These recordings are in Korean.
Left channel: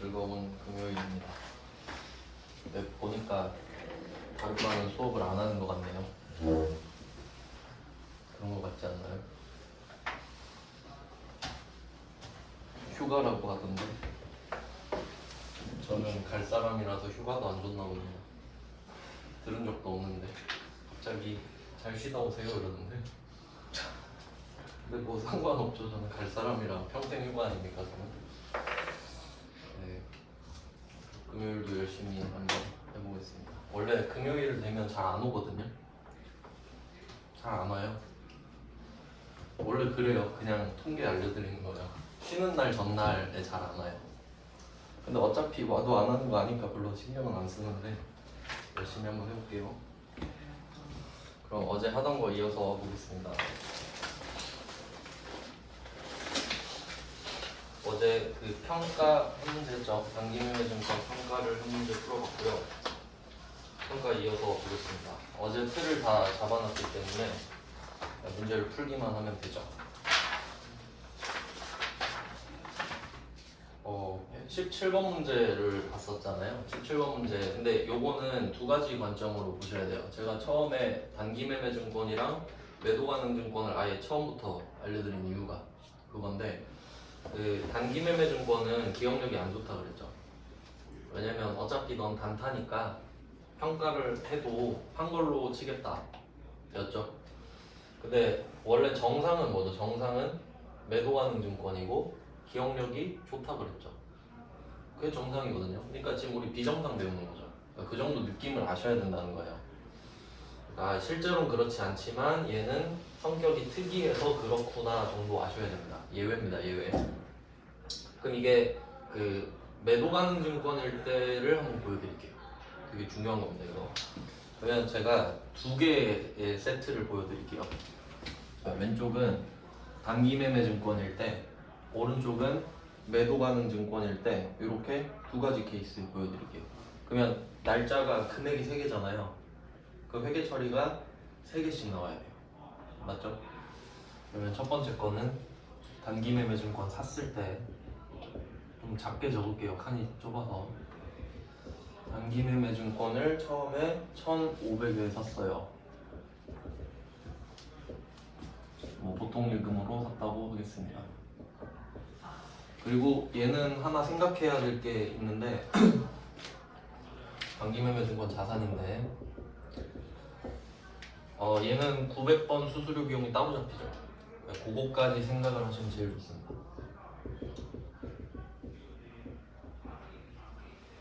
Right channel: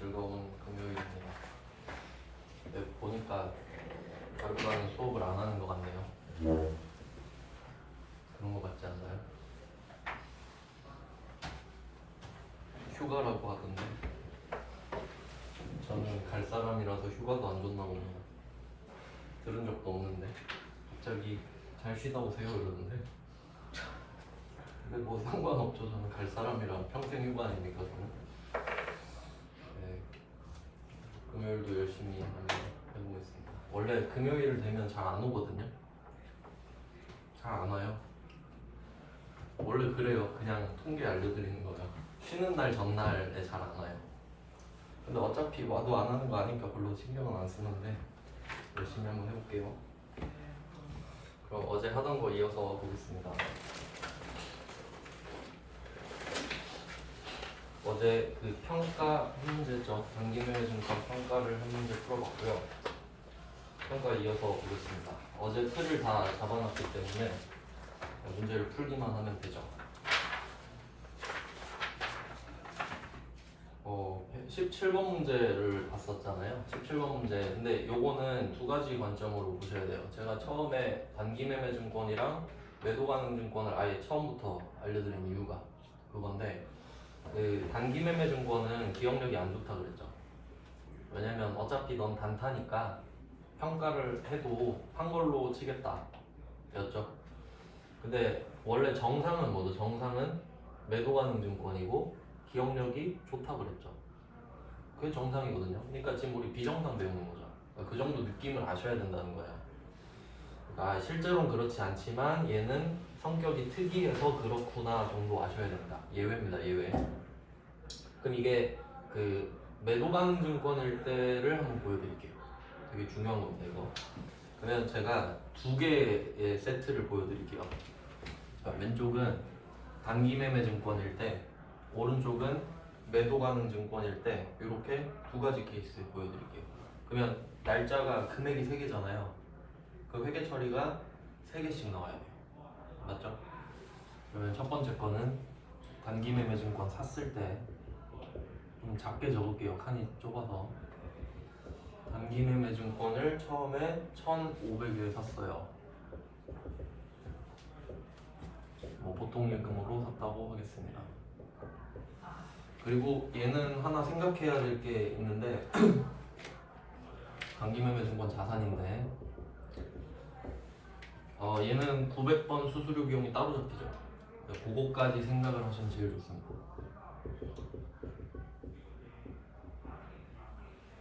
즐거운 금요일입니다. 근데 보니까 다루가는 수업을 안 하는 것 같네요. 그런 것 같지 않나요? 휴가라고 하던데 저는 갈 사람이라서 휴가도 안 줬나 봅니다. 들은 적도 없는데 갑자기 잘 쉬다 오세요 이러는데 근데 뭐 상관없죠. 저는 갈 사람이랑 평생 휴가 아닙니까 저는. 네, 금요일도 열심히 한번 해보겠습니다. 원래 금요일 되면 잘 안 오거든요. 잘 안 와요. 원래 그래요. 그냥 통계 알려드리는 거야. 쉬는 날 전날에 잘 안 와요. 근데 어차피 와도 안 하는 거 아니까 별로 신경은 안 쓰는데 열심히 한번 해볼게요. 그럼 어제 하던 거 이어서 보겠습니다. 어제 그 평가 한 문제죠. 단기면허증권 평가를 한 문제 풀어봤고요. 평가 이어서 보겠습니다. 어제 틀을 다 잡아놨기 때문에 문제를 풀기만 하면 되죠. 17번 문제를 봤었잖아요. 17번 문제. 근데 요거는 두 가지 관점으로 보셔야 돼요. 제가 처음에 단기매매증권이랑 매도가능증권을 아예 처음부터 알려드린 이유가 그건데, 그 단기매매증권은 기억력이 안 좋다 그랬죠. 왜냐면 어차피 넌 단타니까 평가를 해도 한 걸로 치겠다 였죠. 근데 원래 정상은 뭐죠? 정상은 매도가능증권이고 기억력이 좋다 그랬죠. 그게 정상이거든요. 그러니까 지금 우리 비정상 배우는 거죠. 그러니까 그 정도 느낌을 아셔야 된다는 거야. 그러니까 실제로는 그렇지 않지만 얘는 성격이 특이해서 그렇구나 정도 아셔야 됩니다. 예외입니다. 예외. 그럼 이게 그 매도가능증권일 때를 한번 보여드릴게요. 되게 중요한 겁니다. 이거. 그러면 제가 두 개의 세트를 보여드릴게요. 자, 왼쪽은 단기매매증권일 때, 오른쪽은 매도가능증권일 때 이렇게 두 가지 케이스 보여드릴게요. 그러면 날짜가 금액이 3개잖아요. 그 회계 처리가 3개씩 나와야 돼요. 맞죠? 그러면 첫 번째 거는 단기매매증권 샀을 때 좀 작게 적을게요. 칸이 좁아서. 단기매매증권을 처음에 1,500에 샀어요. 뭐 보통 일금으로 샀다고 하겠습니다. 그리고 얘는 하나 생각해야 될 게 있는데 단기매매증권 자산인데 얘는 900번 수수료 비용이 따로 잡히죠. 그거까지 생각을 하시면 제일 좋습니다.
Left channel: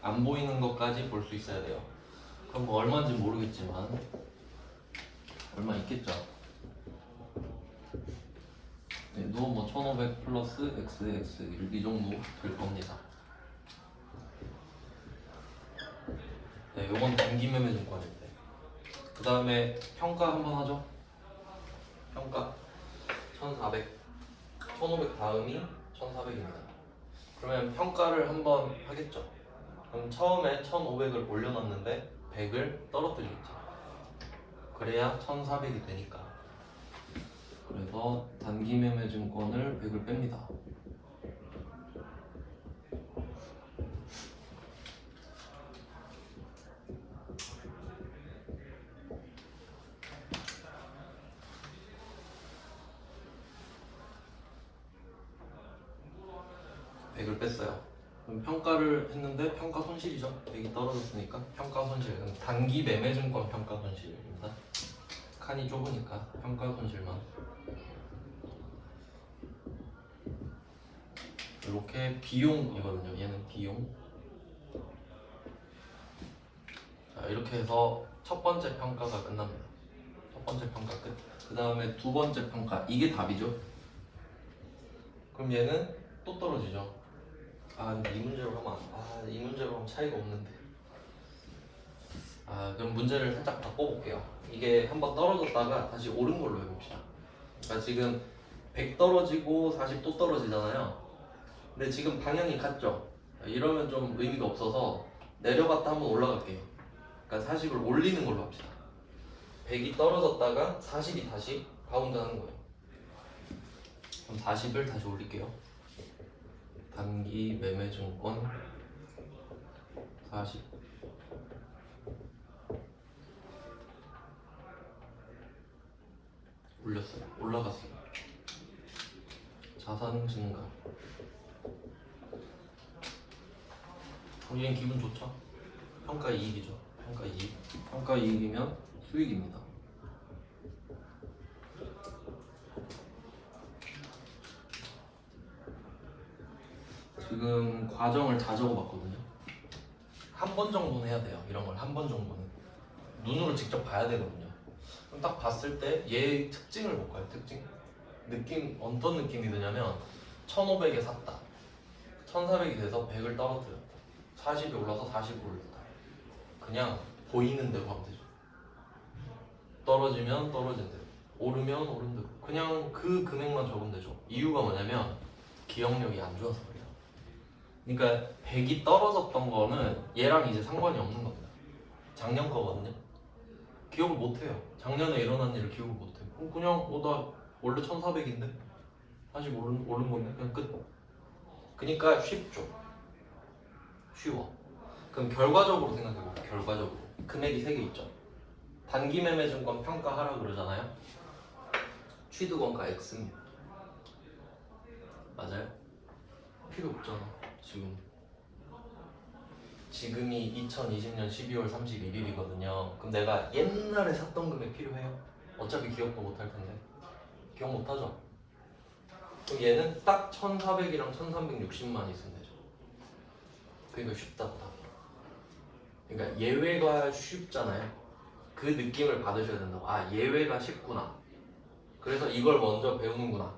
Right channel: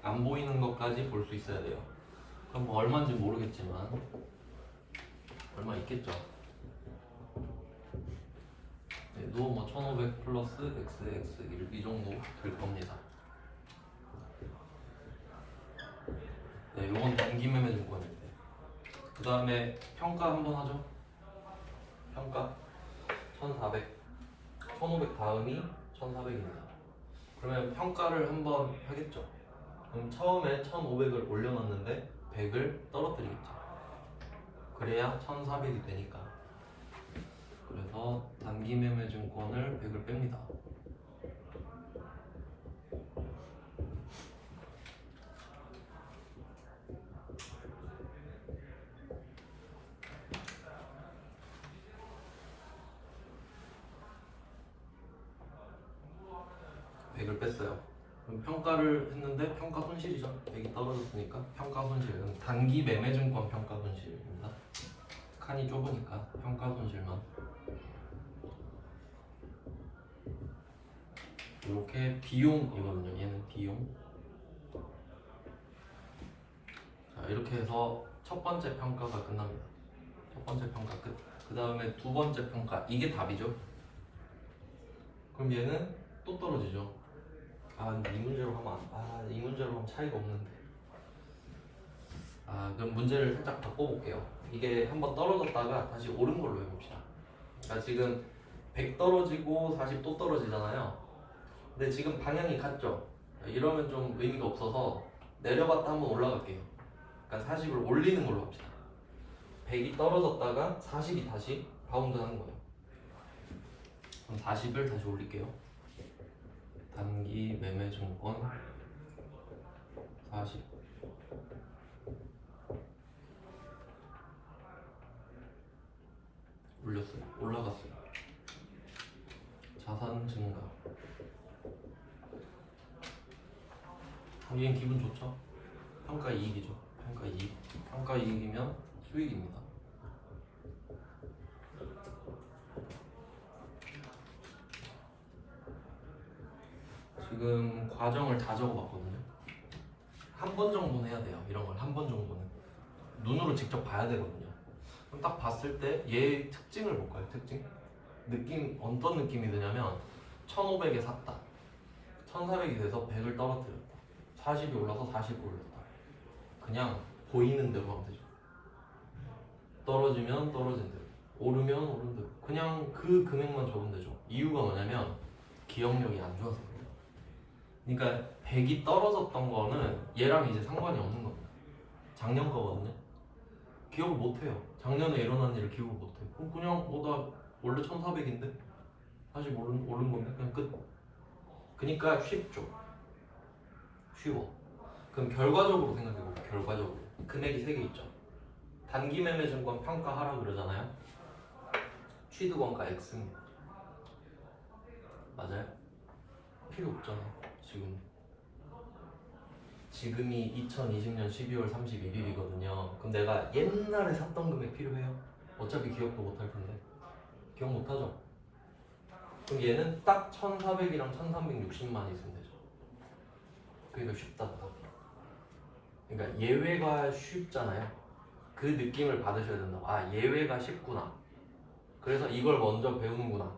안 보이는 것까지 볼 수 있어야 돼요. 그럼 뭐 얼마인지 모르겠지만 얼마 있겠죠. 얘도 뭐 1500 플러스 XX 이 정도 될 겁니다. 네, 요건 단기매매증권인데. 그 다음에 평가 한번 하죠. 평가 1400, 1500 다음이 1400입니다. 그러면 평가를 한번 하겠죠. 그럼 처음에 1500을 올려놨는데 100을 떨어뜨리겠죠. 그래야 1400이 되니까. 그래서 단기매매증권을 100을 뺍니다. 뺐어요. 그럼 평가를 했는데 평가 손실이죠. 100이 떨어졌으니까 평가 손실. 단기 매매증권 평가 손실입니다. 칸이 좁으니까 평가 손실만. 이렇게 비용이거든요. 얘는 비용. 자, 이렇게 해서 첫 번째 평가가 끝납니다. 첫 번째 평가 끝. 그 다음에 두 번째 평가. 이게 답이죠. 그럼 얘는 또 떨어지죠. 근데 이 문제로 하면 이 문제로 하면 차이가 없는데. 그럼 문제를 살짝 바꿔볼게요. 이게 한번 떨어졌다가 다시 오른 걸로 해봅시다. 그러니까 지금 100 떨어지고 40 또 떨어지잖아요. 근데 지금 방향이 같죠? 이러면 좀 의미가 없어서 내려갔다 한번 올라갈게요. 그러니까 40을 올리는 걸로 합시다. 100이 떨어졌다가 40이 다시 바운드하는 거예요. 그럼 40을 다시 올릴게요. 단기 매매증권 40. 올렸어요. 올라갔어요. 자산 증가. 얘는 기분 좋죠? 평가 이익이죠. 평가 이익. 평가 이익이면 수익입니다. 지금 과정을 다 적어봤거든요. 한 번 정도는 해야 돼요. 이런 걸 한 번 정도는 눈으로 직접 봐야 되거든요. 그럼 딱 봤을 때 얘의 특징을 볼까요? 특징? 느낌 어떤 느낌이 드냐면 1500에 샀다. 1400이 돼서 100을 떨어뜨렸다. 40이 올라서 40을 오르다. 그냥 보이는 대로 하면 되죠. 떨어지면 떨어진 대로, 오르면 오른 대로. 그냥 그 금액만 적으면 되죠. 이유가 뭐냐면 기억력이 안 좋아서 그래요. 그러니까 100이 떨어졌던 거는 얘랑 이제 상관이 없는 겁니다. 작년 거거든요. 기억을 못 해요. 작년에 일어난 일을 기억을 못 해요. 그냥 나 원래 1400인데 다시 오른 건데 그냥 끝. 그러니까 쉽죠. 쉬워. 그럼 결과적으로 생각해볼게요. 결과적으로 금액이 3개 있죠. 단기 매매 증권 평가하라고 그러잖아요. 취득원가 X입니다. 맞아요? 필요 없잖아. 지금이 2020년 12월 31일이거든요. 그럼 내가 옛날에 샀던 금액 필요해요? 어차피 기억도 못할 텐데. 기억 못하죠? 그럼 얘는 딱 1400이랑 1360만 있으면 되죠. 그러니까 쉽다고 답이. 그러니까 예외가 쉽잖아요. 그 느낌을 받으셔야 된다고. 아, 예외가 쉽구나. 그래서 이걸 먼저 배우는구나.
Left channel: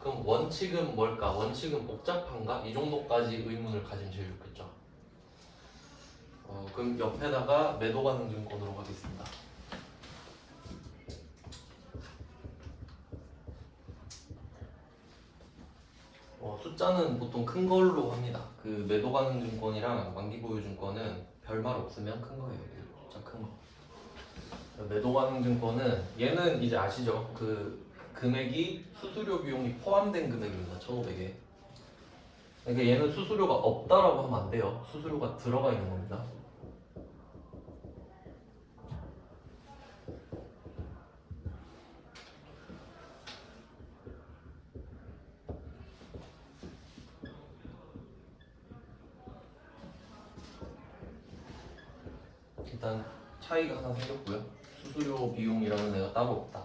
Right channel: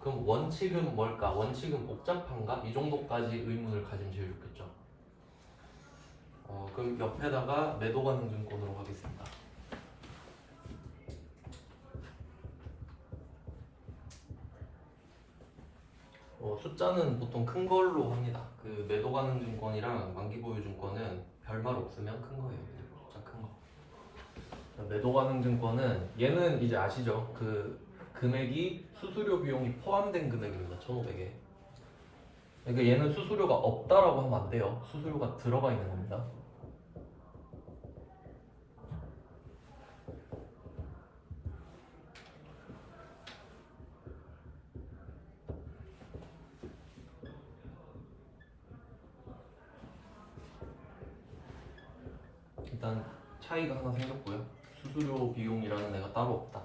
그럼 원칙은 뭘까? 원칙은 복잡한가? 이 정도까지 의문을 가지면 제일 좋겠죠. 그럼 옆에다가 매도 가능 증권으로 가겠습니다. 숫자는 보통 큰 걸로 합니다. 그 매도 가능 증권이랑 만기 보유 증권은 별말 없으면 큰 거예요. 숫자 큰 거. 매도 가능 증권은 얘는 이제 아시죠? 그 금액이 수수료 비용이 포함된 금액입니다. 1,500에. 그러니까 얘는 수수료가 없다라고 하면 안 돼요. 수수료가 들어가 있는 겁니다. 일단 차이가 하나 생겼고요. 수수료 비용이라는 애가 따로 없다.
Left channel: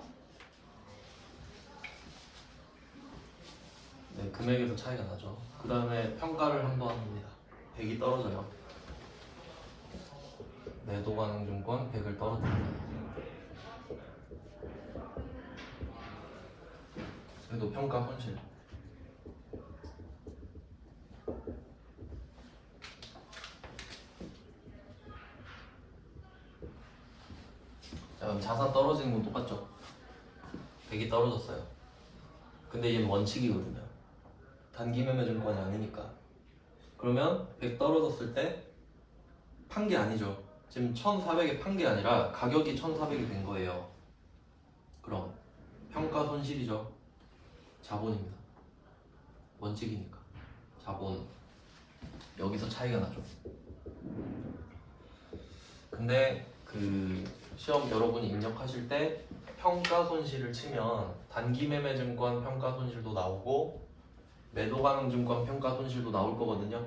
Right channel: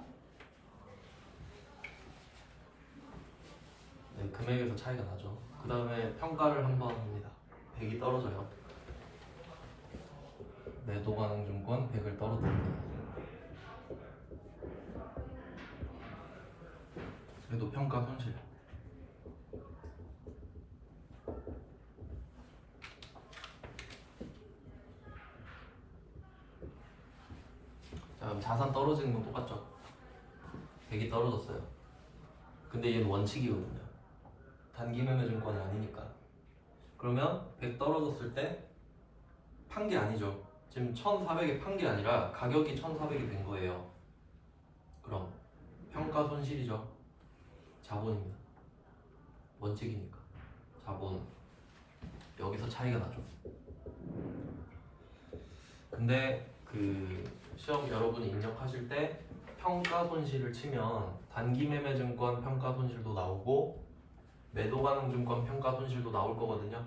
네, 금액에서 차이가 나죠. 그 다음에 평가를 한번 합니다. 100이 떨어져요. 매도 가능 증권 100을 떨어뜨립니다. 그래도 평가 손실. 자, 그럼 자산 떨어지는 건 똑같죠. 100이 떨어졌어요. 근데 얘는 원칙이거든요. 단기 매매 증권은 아니니까. 그러면 100 떨어졌을 때 판 게 아니죠. 지금 1400에 판 게 아니라 가격이 1400이 된 거예요. 그럼 평가 손실이죠. 자본입니다. 원칙이니까. 자본. 여기서 차이가 나죠. 근데 그 시험 여러분이 입력하실 때 평가 손실을 치면 단기 매매 증권 평가 손실도 나오고 매도 가능 증권 평가 손실도 나올 거거든요.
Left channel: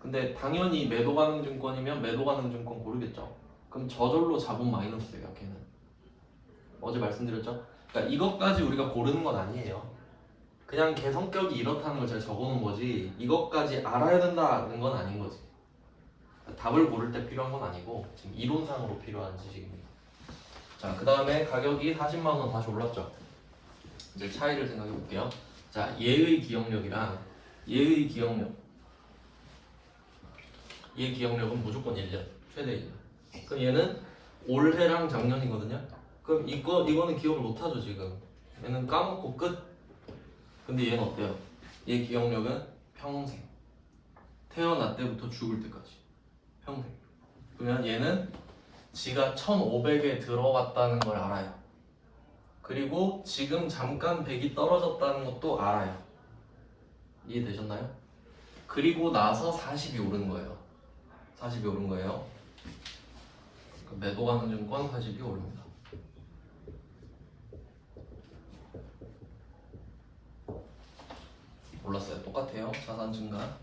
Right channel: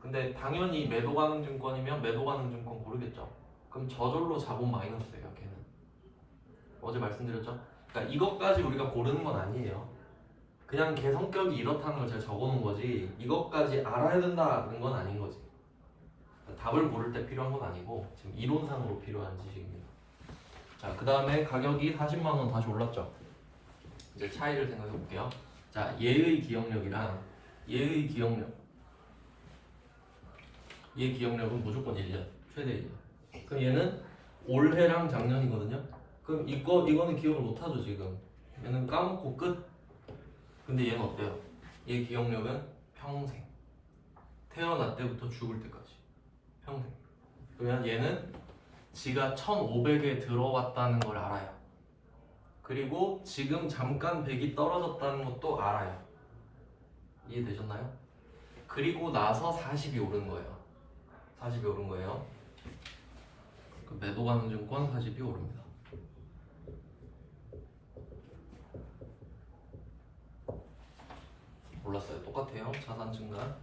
근데 당연히 매도 가능 증권이면 매도 가능 증권 고르겠죠. 그럼 저절로 자본 마이너스예요. 걔는 어제 말씀드렸죠. 그러니까 이것까지 우리가 고르는 건 아니에요. 그냥 걔 성격이 이렇다는 걸 제가 적어놓은 거지 이것까지 알아야 된다는 건 아닌 거지. 답을 고를 때 필요한 건 아니고 지금 이론상으로 필요한 지식입니다. 자, 그 다음에 가격이 40만 원 다시 올랐죠. 이제 차이를 생각해 볼게요. 자, 얘의 기억력이랑 얘의 기억력. 얘 기억력은 무조건 1년, 최대 1년. 그럼 얘는 올해랑 작년이거든요. 그럼 이거는 기억을 못하죠 지금. 얘는 까먹고 끝. 근데 얘는 어때요? 얘 기억력은 평생. 태어날 때부터 죽을 때까지. 평생. 그러면 얘는 지가 1500에 들어왔다는 걸 알아요. 그리고 지금 잠깐 100이 떨어졌다는 것도 알아요. 이해되셨나요? 그리고 나서 40이 오른 거예요. 40이 오른 거예요. 그 매도 가는 증권 40이 오릅니다. 올랐어요. 똑같아요. 자산 증가.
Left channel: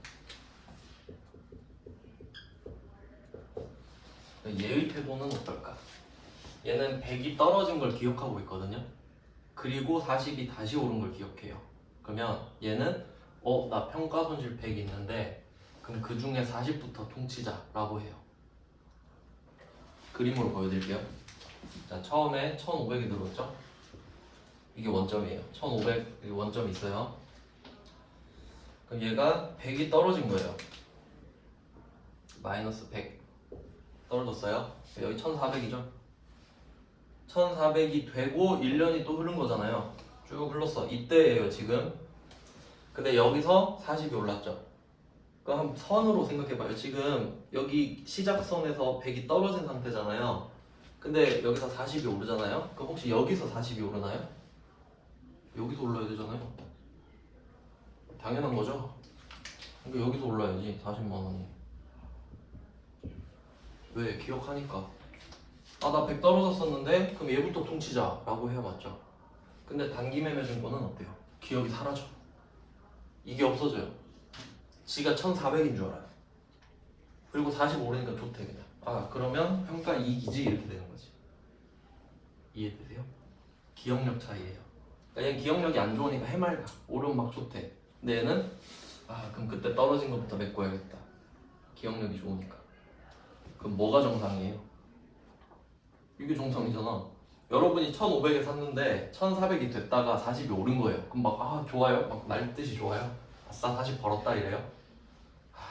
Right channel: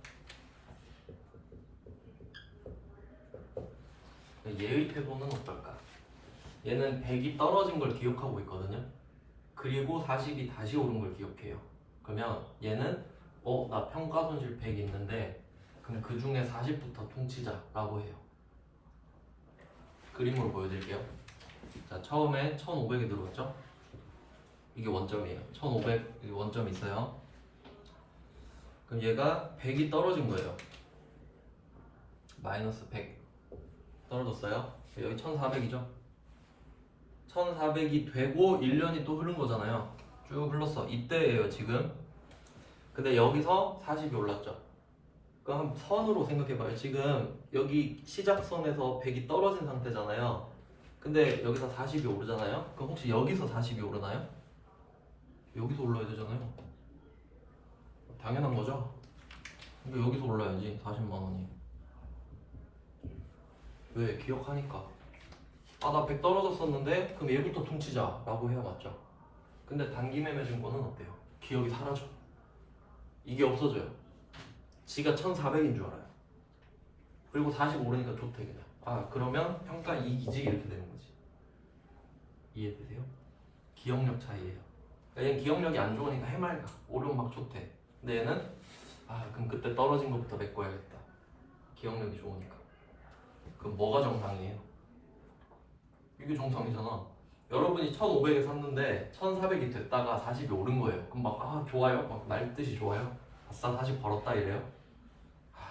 얘의 태도는 어떨까? 얘는 100이 떨어진 걸 기억하고 있거든요. 그리고 40이 다시 오른 걸 기억해요. 그러면 얘는 나 평가 손실 100 있는데 그럼 그 중에 40부터 퉁치자라고 해요. 그림으로 보여드릴게요. 자, 처음에 1500이 들어왔죠? 이게 원점이에요. 1500 원점이 있어요. 그럼 얘가 100이 떨어진 거예요. 마이너스 100 떨어졌어요. 여기 1400이죠? 1400이 되고 1년이 또 흐른 거잖아요. 쭉 흘렀어. 이때예요 지금. 근데 여기서 40이 올랐죠. 그럼 한 선으로 생각해봐요. 지금 여기 시작선에서 100이 떨어진 상태잖아요. 근데 여기서 40이 오르잖아요. 그럼 혹시 여기서 40이 오르나요? 여기서 올라야 되잖아요. 당연한 거죠. 그러니까 여기서 올라야지 40만 원이. 왜? 기억하니까. 나 100 떨어졌었는데 그럼 얘부터 퉁치자 라고 해야 맞죠. 근데 단기 매매 증권은 어때요? 기억이 사라져. 이게 없어져요. 지가 1400인 줄 알아요. 그리고 40 오르니까 좋대 그냥. 그러면 평가 이익이지 이렇게 되는 거지. 이해되세요? 기억력 차이예요. 그러니까 얘는 기억력이 안 좋으니까 해맑아. 오르면 막 좋대. 근데 얘는 그럼 그때 떨어진 것부터 메꿔야겠다. 기억력이 좋으니까. 그럼 뭐가 정상이에요? 이게 정상이잖아. 여러분이 1500에 샀는데 1400이 됐다가 40이 오른 거예요. 그럼 막 좋아요? 막 날듯이 좋아요? 아싸 40 벌었다 이래요?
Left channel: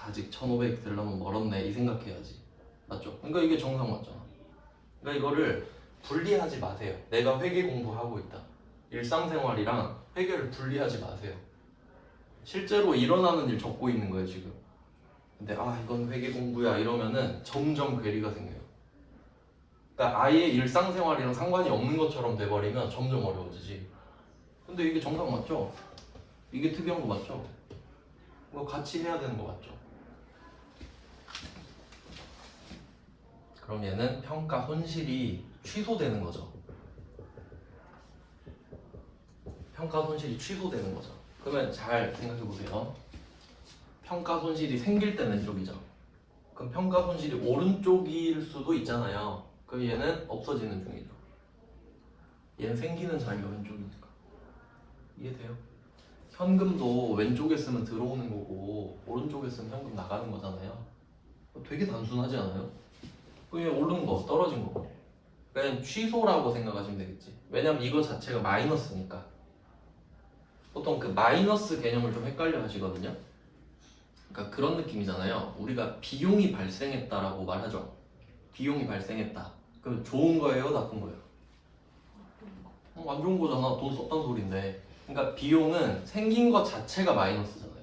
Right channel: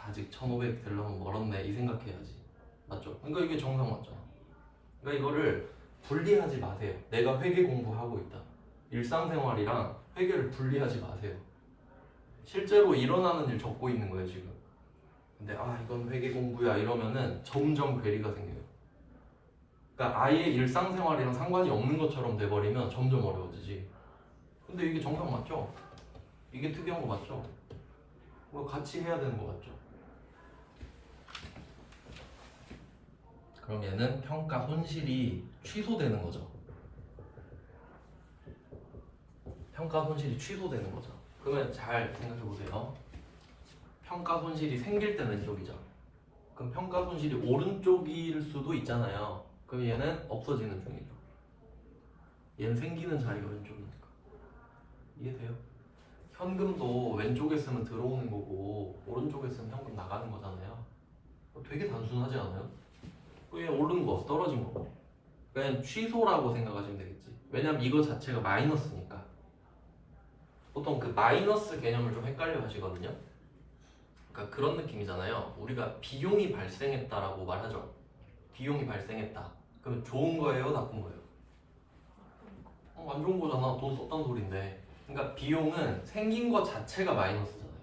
아직 1500 되려면 멀었네 이 생각해야지. 맞죠? 그러니까 이게 정상 맞잖아. 그러니까 이거를 분리하지 마세요. 내가 회계 공부하고 있다. 일상생활이랑 회계를 분리하지 마세요. 실제로 일어나는 일 적고 있는 거예요 지금. 근데 이건 회계 공부야 이러면은 점점 괴리가 생겨요. 그러니까 아예 일상생활이랑 상관이 없는 것처럼 돼버리면 점점 어려워지지. 근데 이게 정상 맞죠? 이게 특이한 거 맞죠? 이거 같이 해야 되는 거 맞죠? 그럼 얘는 평가 손실이 취소되는 거죠. 평가 손실이 취소되는 거죠. 그러면 잘 생각해 보세요. 평가 손실이 생길 때는 왼쪽이죠. 그럼 평가 손실이 오른쪽일 수도 있잖아요. 그럼 얘는 없어지는 중이죠. 얘는 생기는 자리가 왼쪽이니까. 이해돼요? 현금도 왼쪽에 쓰면 들어오는 거고 오른쪽에 쓰면 현금 나가는 거잖아요. 되게 단순하지 않아요? 그냥 오른 거, 떨어진 거. 그냥 취소라고 생각하시면 되겠지. 왜냐면 이거 자체가 마이너스니까. 보통 그 마이너스 개념을 좀 헷갈려 하시거든요. 그러니까 그런 느낌이잖아요. 우리가 비용이 발생했다라고 말하죠. 비용이 발생했다. 그럼 좋은 거예요, 나쁜 거예요? 안 좋은 거잖아. 돈 썼단 소리인데. 그러니까 비용은 생긴 것 자체가 마이너스잖아요.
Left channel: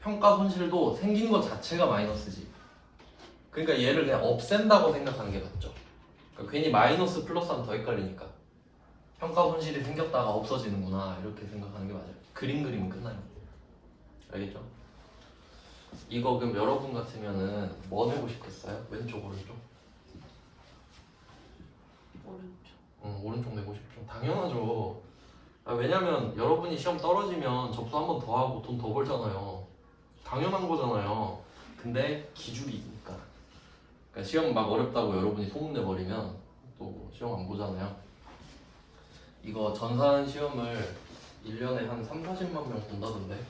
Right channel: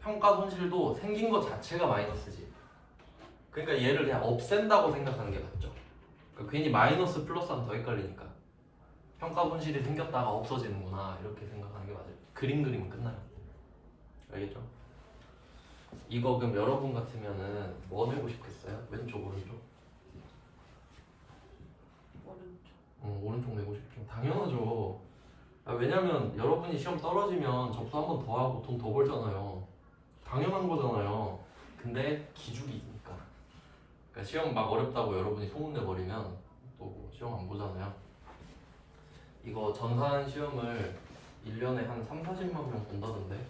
평가 손실도 생긴 것 자체가 마이너스지. 그러니까 얘를 그냥 없앤다고 생각하는 게 맞죠. 그러니까 괜히 마이너스 플러스하면 더 헷갈리니까. 평가 손실이 생겼다가 없어지는구나 이렇게 생각하는 게 맞아요. 그림 그리면 끝나요. 알겠죠? 이거 그럼 여러분 같으면은 뭐 내고 싶겠어요? 왼쪽 오른쪽? 오른쪽. 오른쪽 내고 싶죠. 당연하죠. 왜냐면 여러분이 시험 떨어지면 접수 한 번 더 하고 돈 더 벌잖아요. 당연한 거잖아요. 근데 기준이 있으니까. 그러니까 시험 막 어렵다고 여러분이 소문내버리면 또 시험 안 보잖아요. 이거 전산 시험을 1년에 한 3, 40만 명 본다던데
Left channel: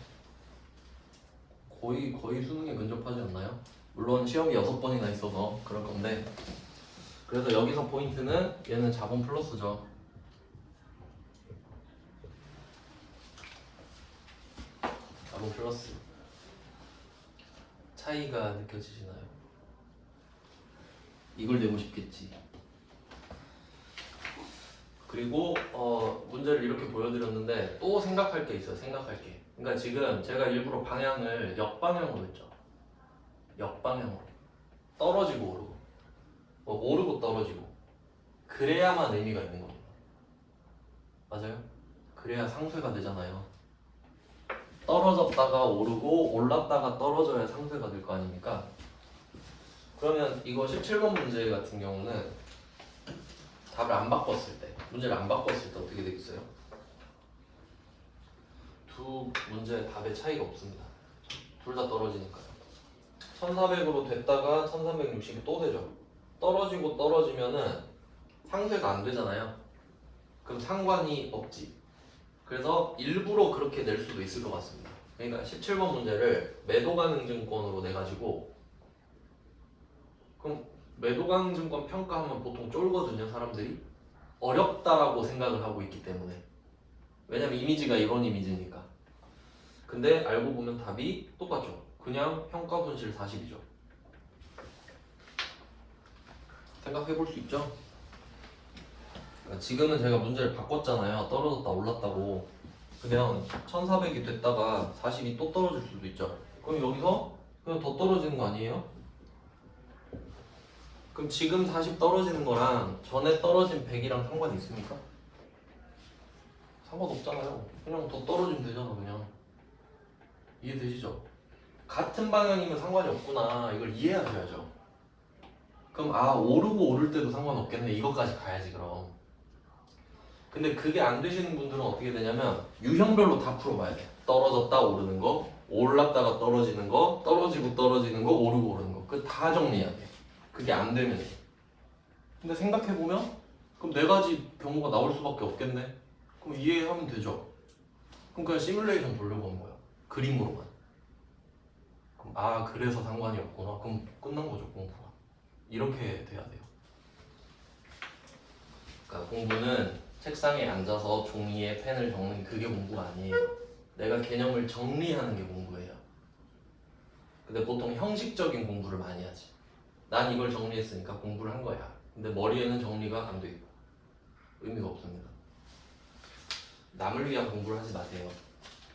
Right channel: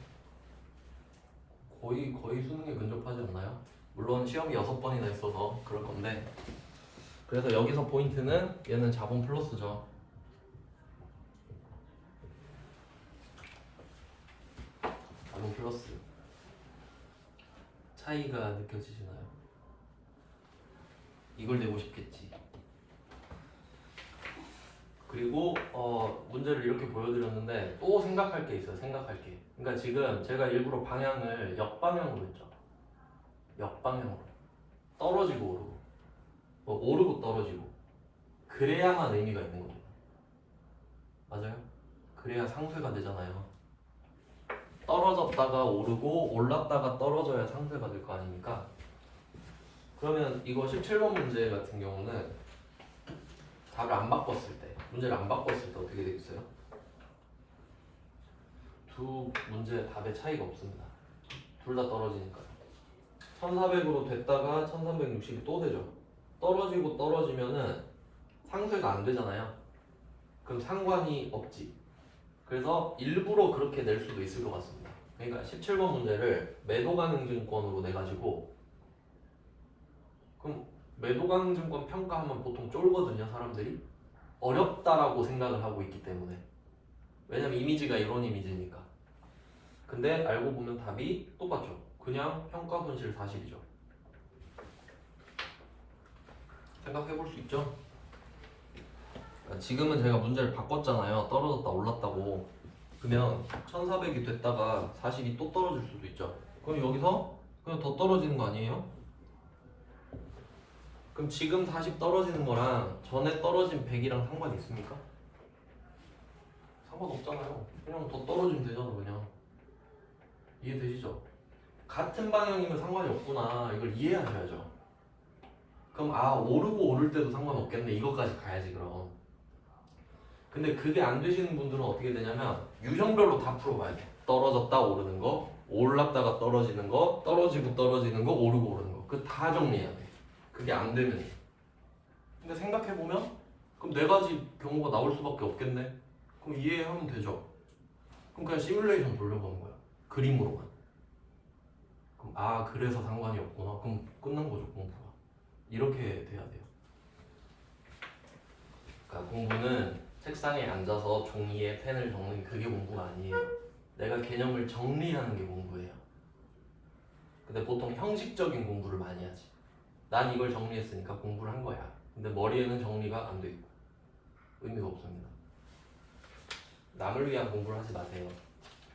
거의 수능에 근접하지 않나요? 물론 시험이 6번이나 있어서 그럴 건데 그래서 여기서 포인트는 얘는 자본 플러스죠. 자본 플러스 차이가 느껴지시나요? 이걸 내고 싶겠지. 그리고 문제를 이렇게 보여드렸는데 또 생각할 게 있어요. 생각할 게. 그러니까 지금 제가 일부러 방향을 역방향으로 했죠. 역방향으로. 떨어지고 오르고. 오르고 떨어지고. 그래야만 의미가 있는 겁니다. 맞아요? 그래야 상쇄가 되잖아요. 떨어졌다가 오르고 올랐다가 떨어져야 상쇄가 될 거 아닙니까? 그러면 이거 17번 문제 같은 경우는 답을 안 바꿨을 때, 문제를 안 바꿨을 때 어떻게 되겠어요? 두 문제 답의 차이가 없습니다. 둘 다 떨어지니까. 1400으로 됐다가 1360이 또 되죠. 떨어지고 떨어지면은 상쇄가 안 되잖아요. 그럼 상관이 없지. 그래서 일부러 그렇게 낼 수도 있을 것 같습니다. 그러니까 17번 문제를 매도가능증권으로 내가지고, 그럼 매도가능증권 평가하면 보통 쫄거든요, 사람들이. 어렵다라고 생각을 하고 있기 때문에. 왜냐면 이미지가 이런 이미지니까. 근데 알고 보면 답이 똑같죠. 그냥 평가 손실 사실이죠. 생각해 볼 수 있죠? 그러니까 지금은 제가 문제를 바꿨잖아요. 떨어졌다 올랐다고. 그러면 1400이 됐다가 40이 또 떨어질 수도 있죠. 그럼 여기서 그냥 더 떨어지는 거 아니에요? 그럼 지금 40 떨어지는 거랑 전에 떨어진 100이랑 상관이 있습니까? 상관없잖아요. 그냥 더 떨어지면 되잖아, 그냥. 이해되시죠? 같은 방향이면 상관이 없구나. 이걸 이해하셔야죠. 그럼 오르고 오를 때도 상관없겠네. 이것까지 가야지 그럼. 근데 그게 안 되시는 분들은 어떻게 되냐면 유형별로 다 풀어봐야 돼. 떨어졌다 오르는 거, 올랐다가 떨어지는 거, 떨어지고 떨어지는 거, 오르고 오르는 거. 그 다 정리해야 돼. 그게 안 되면 돼. 근데 생각해보면 그럼 네 가지 경우가 나올 수밖에 없겠네. 그럼 이해하면 되죠. 그럼 그냥 시뮬레이션 보려고 하는 거야. 그림으로만. 그럼 그래서 상관이 없구나. 그럼 끝난 거죠, 공부가. 이렇게 돼야 돼요. 그러니까 공부는 책상에 앉아서 종이에 펜을 적는 그게 공부가 아니에요. 내가 개념을 정리하는 게 공부예요. 근데 보통 형식적인 공부를 많이 하지. 난 이걸 정리했으니까 공부를 한 거야. 근데 머리에는 정리가 안 돼 있고 의미가 없습니다. 남을 위한 공부를 하지 마세요.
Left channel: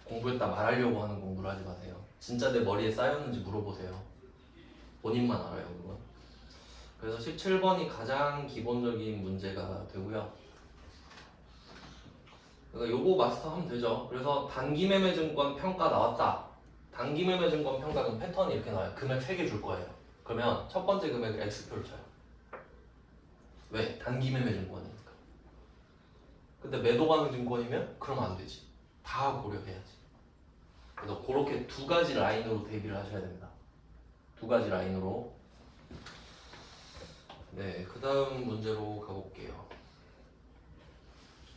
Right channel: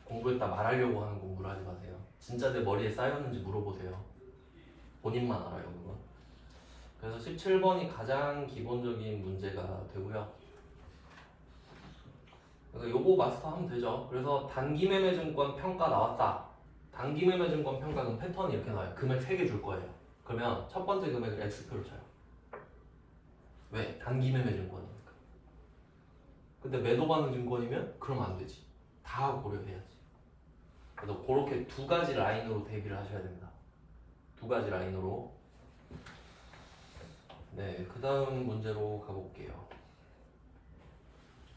공부했다 말하려고 하는 공부를 하지 마세요. 진짜 내 머리에 쌓였는지 물어보세요. 본인만 알아요, 그건. 그래서 17번이 가장 기본적인 문제가 되고요. 그러니까 요거 마스터하면 되죠. 그래서 단기매매증권 평가 나왔다. 단기매매증권 평가는 패턴이 이렇게 나와요. 금액 3개 줄 거예요. 그러면 첫 번째 금액을 X표를 쳐요. 왜? 단기매매증권이니까. 근데 매도가능증권이면 그러면 안 되지. 다 고려해야지. 그래서 그렇게 두 가지 라인으로 대비를 하셔야 됩니다. 두 가지 라인으로. 네, 그 다음 문제로 가볼게요.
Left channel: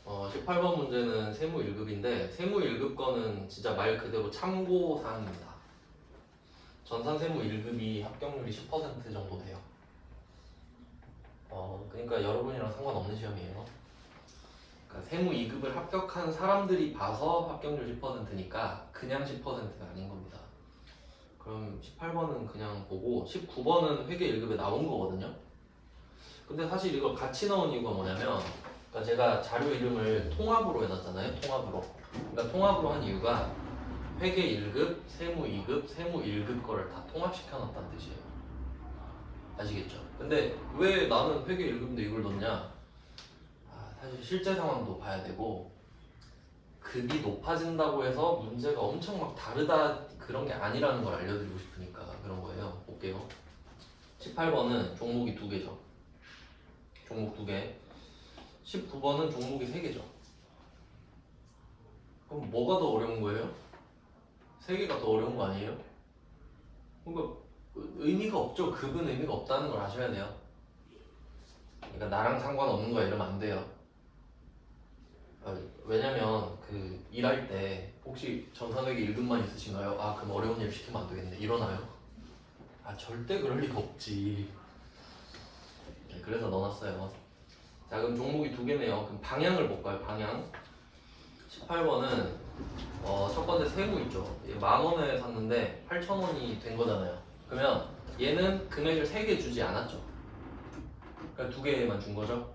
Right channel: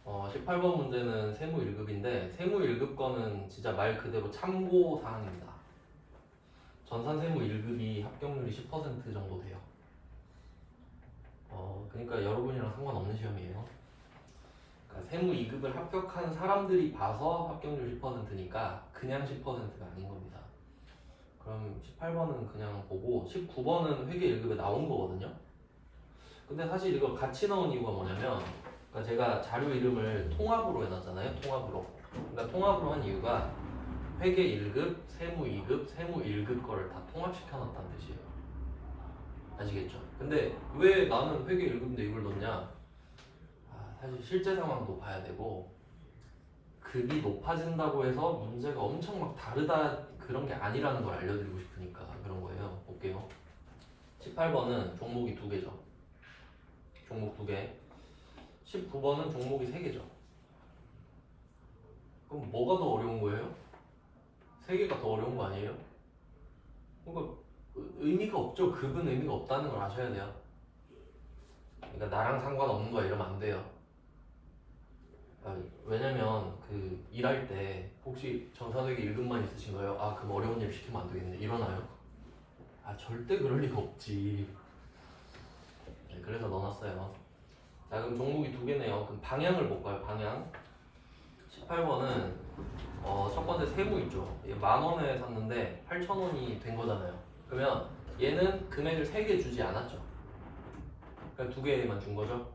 18번 문제는 세무 1급인데 세무 1급 거는 진짜 말 그대로 참고 사항입니다. 전산 세무 1급이 합격률이 10% 정도 돼요. 그러니까 여러분이랑 상관없는 시험이에요. 그러니까 세무 2급을 합격한 사람들이 봐서 합격률 10%니까 그냥 10%가 아닌 겁니다. 그럼 18번은 그냥 보고 19번은 회계 1급에 나온 거거든요. 근데 사실 이걸 같이 넣은 이유가 뭐냐면, 그러니까 제가 자료 이름을 통합으로 해놨잖아요. 통합으로. 그러니까 통합으로 한 이유가 회계 1급, 세무 2급, 세무 1급 거를 다 통합시켜놨다는 뜻이에요. 아시겠죠? 근데 왜 나는 회계 1급인데 이걸 넣냐? 사실 실제 상황도 봐야 되고 급이 높아진다고 해서 문제가 엄청 막 다르다 그런 게 아니라는 걸 알려드리고 싶으니까 그런 거예요. 볼게요. 18번은 종목이 2개죠. 종목 2개. 19번은 종목이 3개죠. 그럼 뭐가 더 어려운 거예요? 3개가 더 어려운 거 아니에요? 그러니까 의미가 없죠. 급은 의미가 없다는 걸 아셔야 돼요. 그러니까 나랑 상관없는 거야 이러면 안 돼요. 왜냐면 그 일할 때 혹시 전산회계 1급만 있으신가요? 그럼 어려운 일 시키면 안 되겠네. 이러나요? 절대 그럴 리가 없지. 네, 그래서 넣어놨어요. 자, 그럼 종목이 2개네요. 그럼 방향을 볼까요? 방향. 18번은 첫 번째 세무 있죠. 이게 10,000원에 샀는데 8,000원이 된 거잖아요. 그러면 얘는 금액을 3개 주지 않았죠. 그러니까 2개만 준 거죠.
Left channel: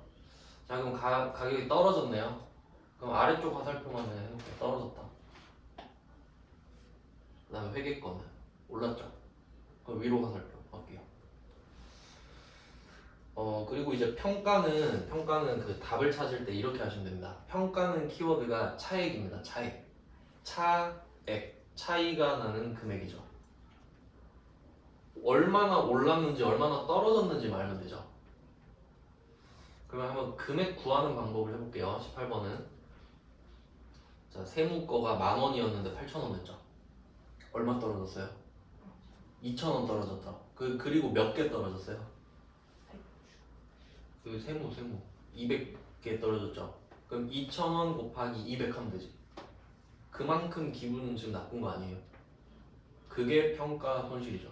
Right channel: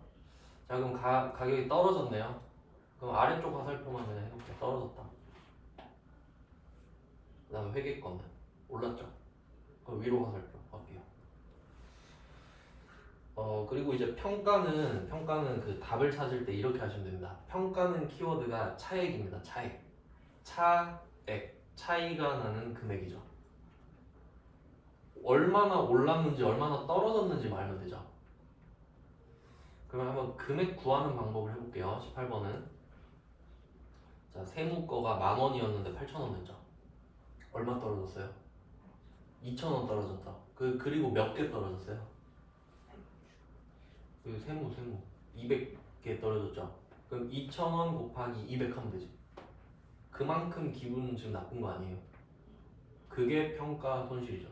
자, 그럼 가격이 떨어졌네요. 그럼 아래쪽 화살표만 그냥 해놓을게요. 떨어졌다. 그 다음에 회계권은 올랐죠. 그럼 위로 화살표 할게요. 그리고 이제 평가는 그 답을 찾을 때 이렇게 하시면 됩니다. 평가는 키워드가 차액입니다. 차액. 차액. 차이가 나는 금액이죠. 얼마나 올랐는지 얼마나 떨어졌는지 알면 되죠. 그러면 한번 금액 구하는 방법을 해볼게요. 18번은 자, 세무 거가 10,000원이었는데 8,000원 됐죠. 얼마 떨어졌어요? 2,000원 떨어졌죠. 그리고 몇 개 떨어졌어요? 그 세무 200개 떨어졌죠. 그럼 2,000원 곱하기 200 하면 되지. 그만큼 기분은 지금 나쁜 거 아니에요. 그게 평가 손실이죠.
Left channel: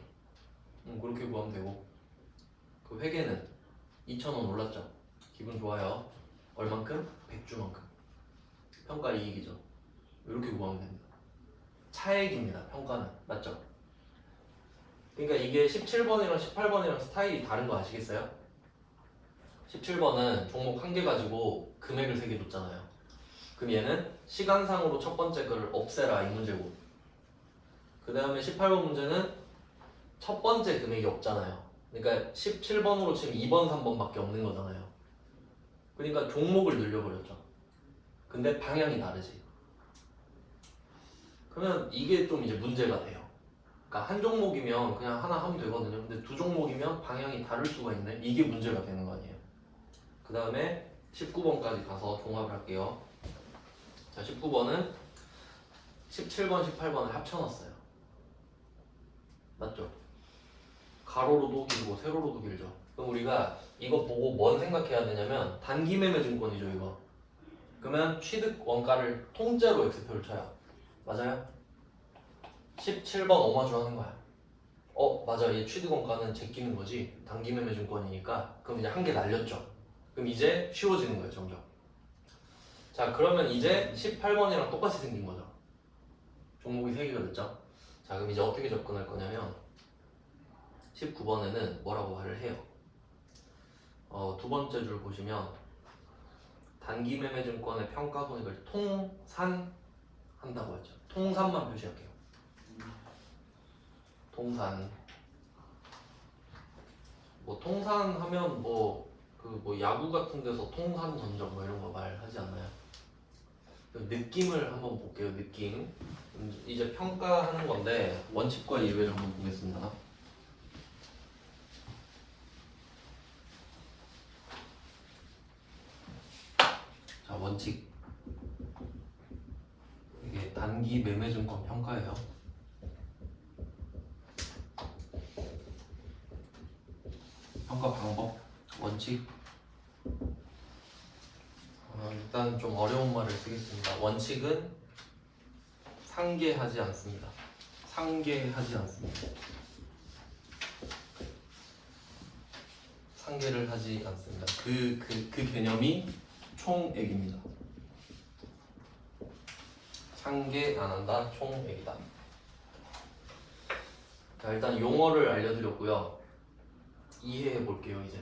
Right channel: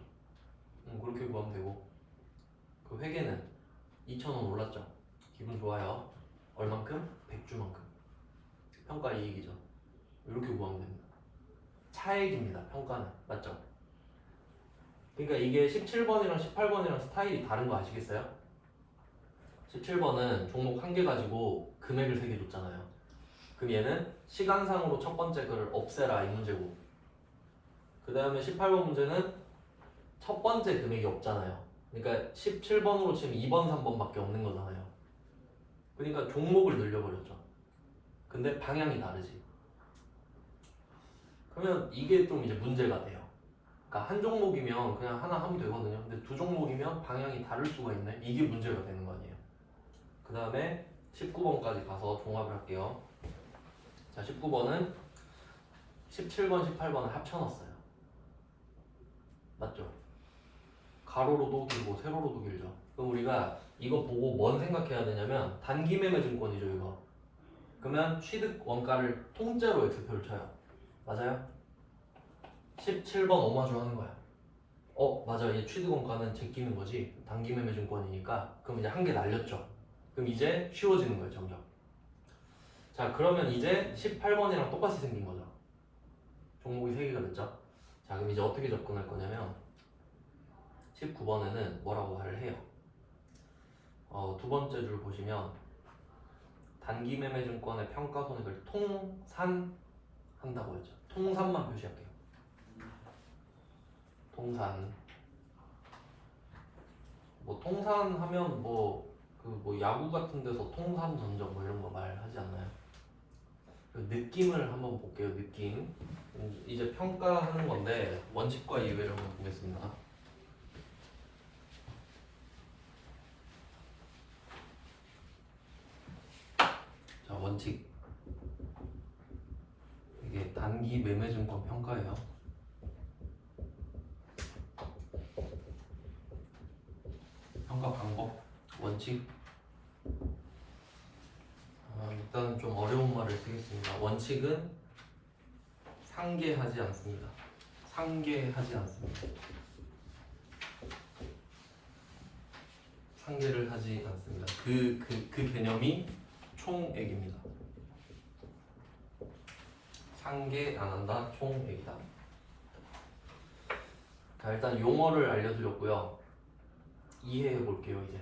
그렇게 구하면 되고, 그 회계는 2,000원 올랐죠. 기분 좋아요. 얼만큼? 100주만큼. 평가 이익이죠. 이렇게 구하면 됩니다. 차액입니다. 평가는. 맞죠? 그러니까 이게 17번이랑 18번이랑 스타일이 다른 거 아시겠어요? 17번은 종목 한 개 가지고 금액을 3개 줬잖아요. 그럼 얘는 시간상으로 첫 번째 거를 없애라 이 문제고, 그 다음에 18번 문제는 첫 번째 금액이 없잖아요. 그러니까 17번으로 치면 2번, 3번밖에 없는 거잖아요. 그러니까 종목을 늘려버렸죠. 근데 방향이 다르지. 그러면 이게 좀 이제 문제가 돼요. 그러니까 한 종목이면 그냥 하나 하면 되거든요. 근데 두 종목이면 방향이 다를 수가 있네. 이게 문제가 되는 거 아니에요. 그 다음에 19번까지 가서 종합할게요. 자, 19번은 17번, 18번을 합쳐놨어요. 맞죠? 가로로도 길고 세로로도 길죠. 그럼 우리가 이거 보고 뭔 생각해야 되냐면 단기 매매 증권이죠, 이거. 그러면 취득 원가를 통째로 X표를 쳐요. 맞아요? 17번 오마주 하는 거야. 맞아. 이 취득 원가는 제끼는 거지. 단기 매매 증권이니까. 그럼 이제 한 개 날렸죠. 그럼 이제 쉬워지는 거예요, 점점. 자, 그러면 이제 18번이랑 똑같이 생긴 거죠. 종목이 3개가 됐죠. 자, 그럼 이제 어떻게 접근할 거냐면 19번에는 뭐라고 말을 해요. 두 번째 줄 보시면 단기 매매 증권의 평가 손익을 통산한다고 했죠. 통산만 표시할게요. 통산. 뭐 통산하면 뭐 야구 같은 데서 통산 전적 뭐 이런 거 말하지 않나요? 그 느낌을 한번 볼게요. 느낌. 이제 평가하는 건데 원칙과 예외를 한번 보겠습니다. 자, 원칙. 이게 단기 매매 증권 평가예요. 평가 방법, 원칙. 일단 좀 어려운 말을 쓰겠습니다. 원칙은 상계하지 않습니다. 상계하지 않습니다. 상계를 하지 않습니다. 그 개념이 총액입니다. 상계 안 한다, 총액이다. 자, 일단 용어를 알려드렸고요. 이해해 볼게요. 이제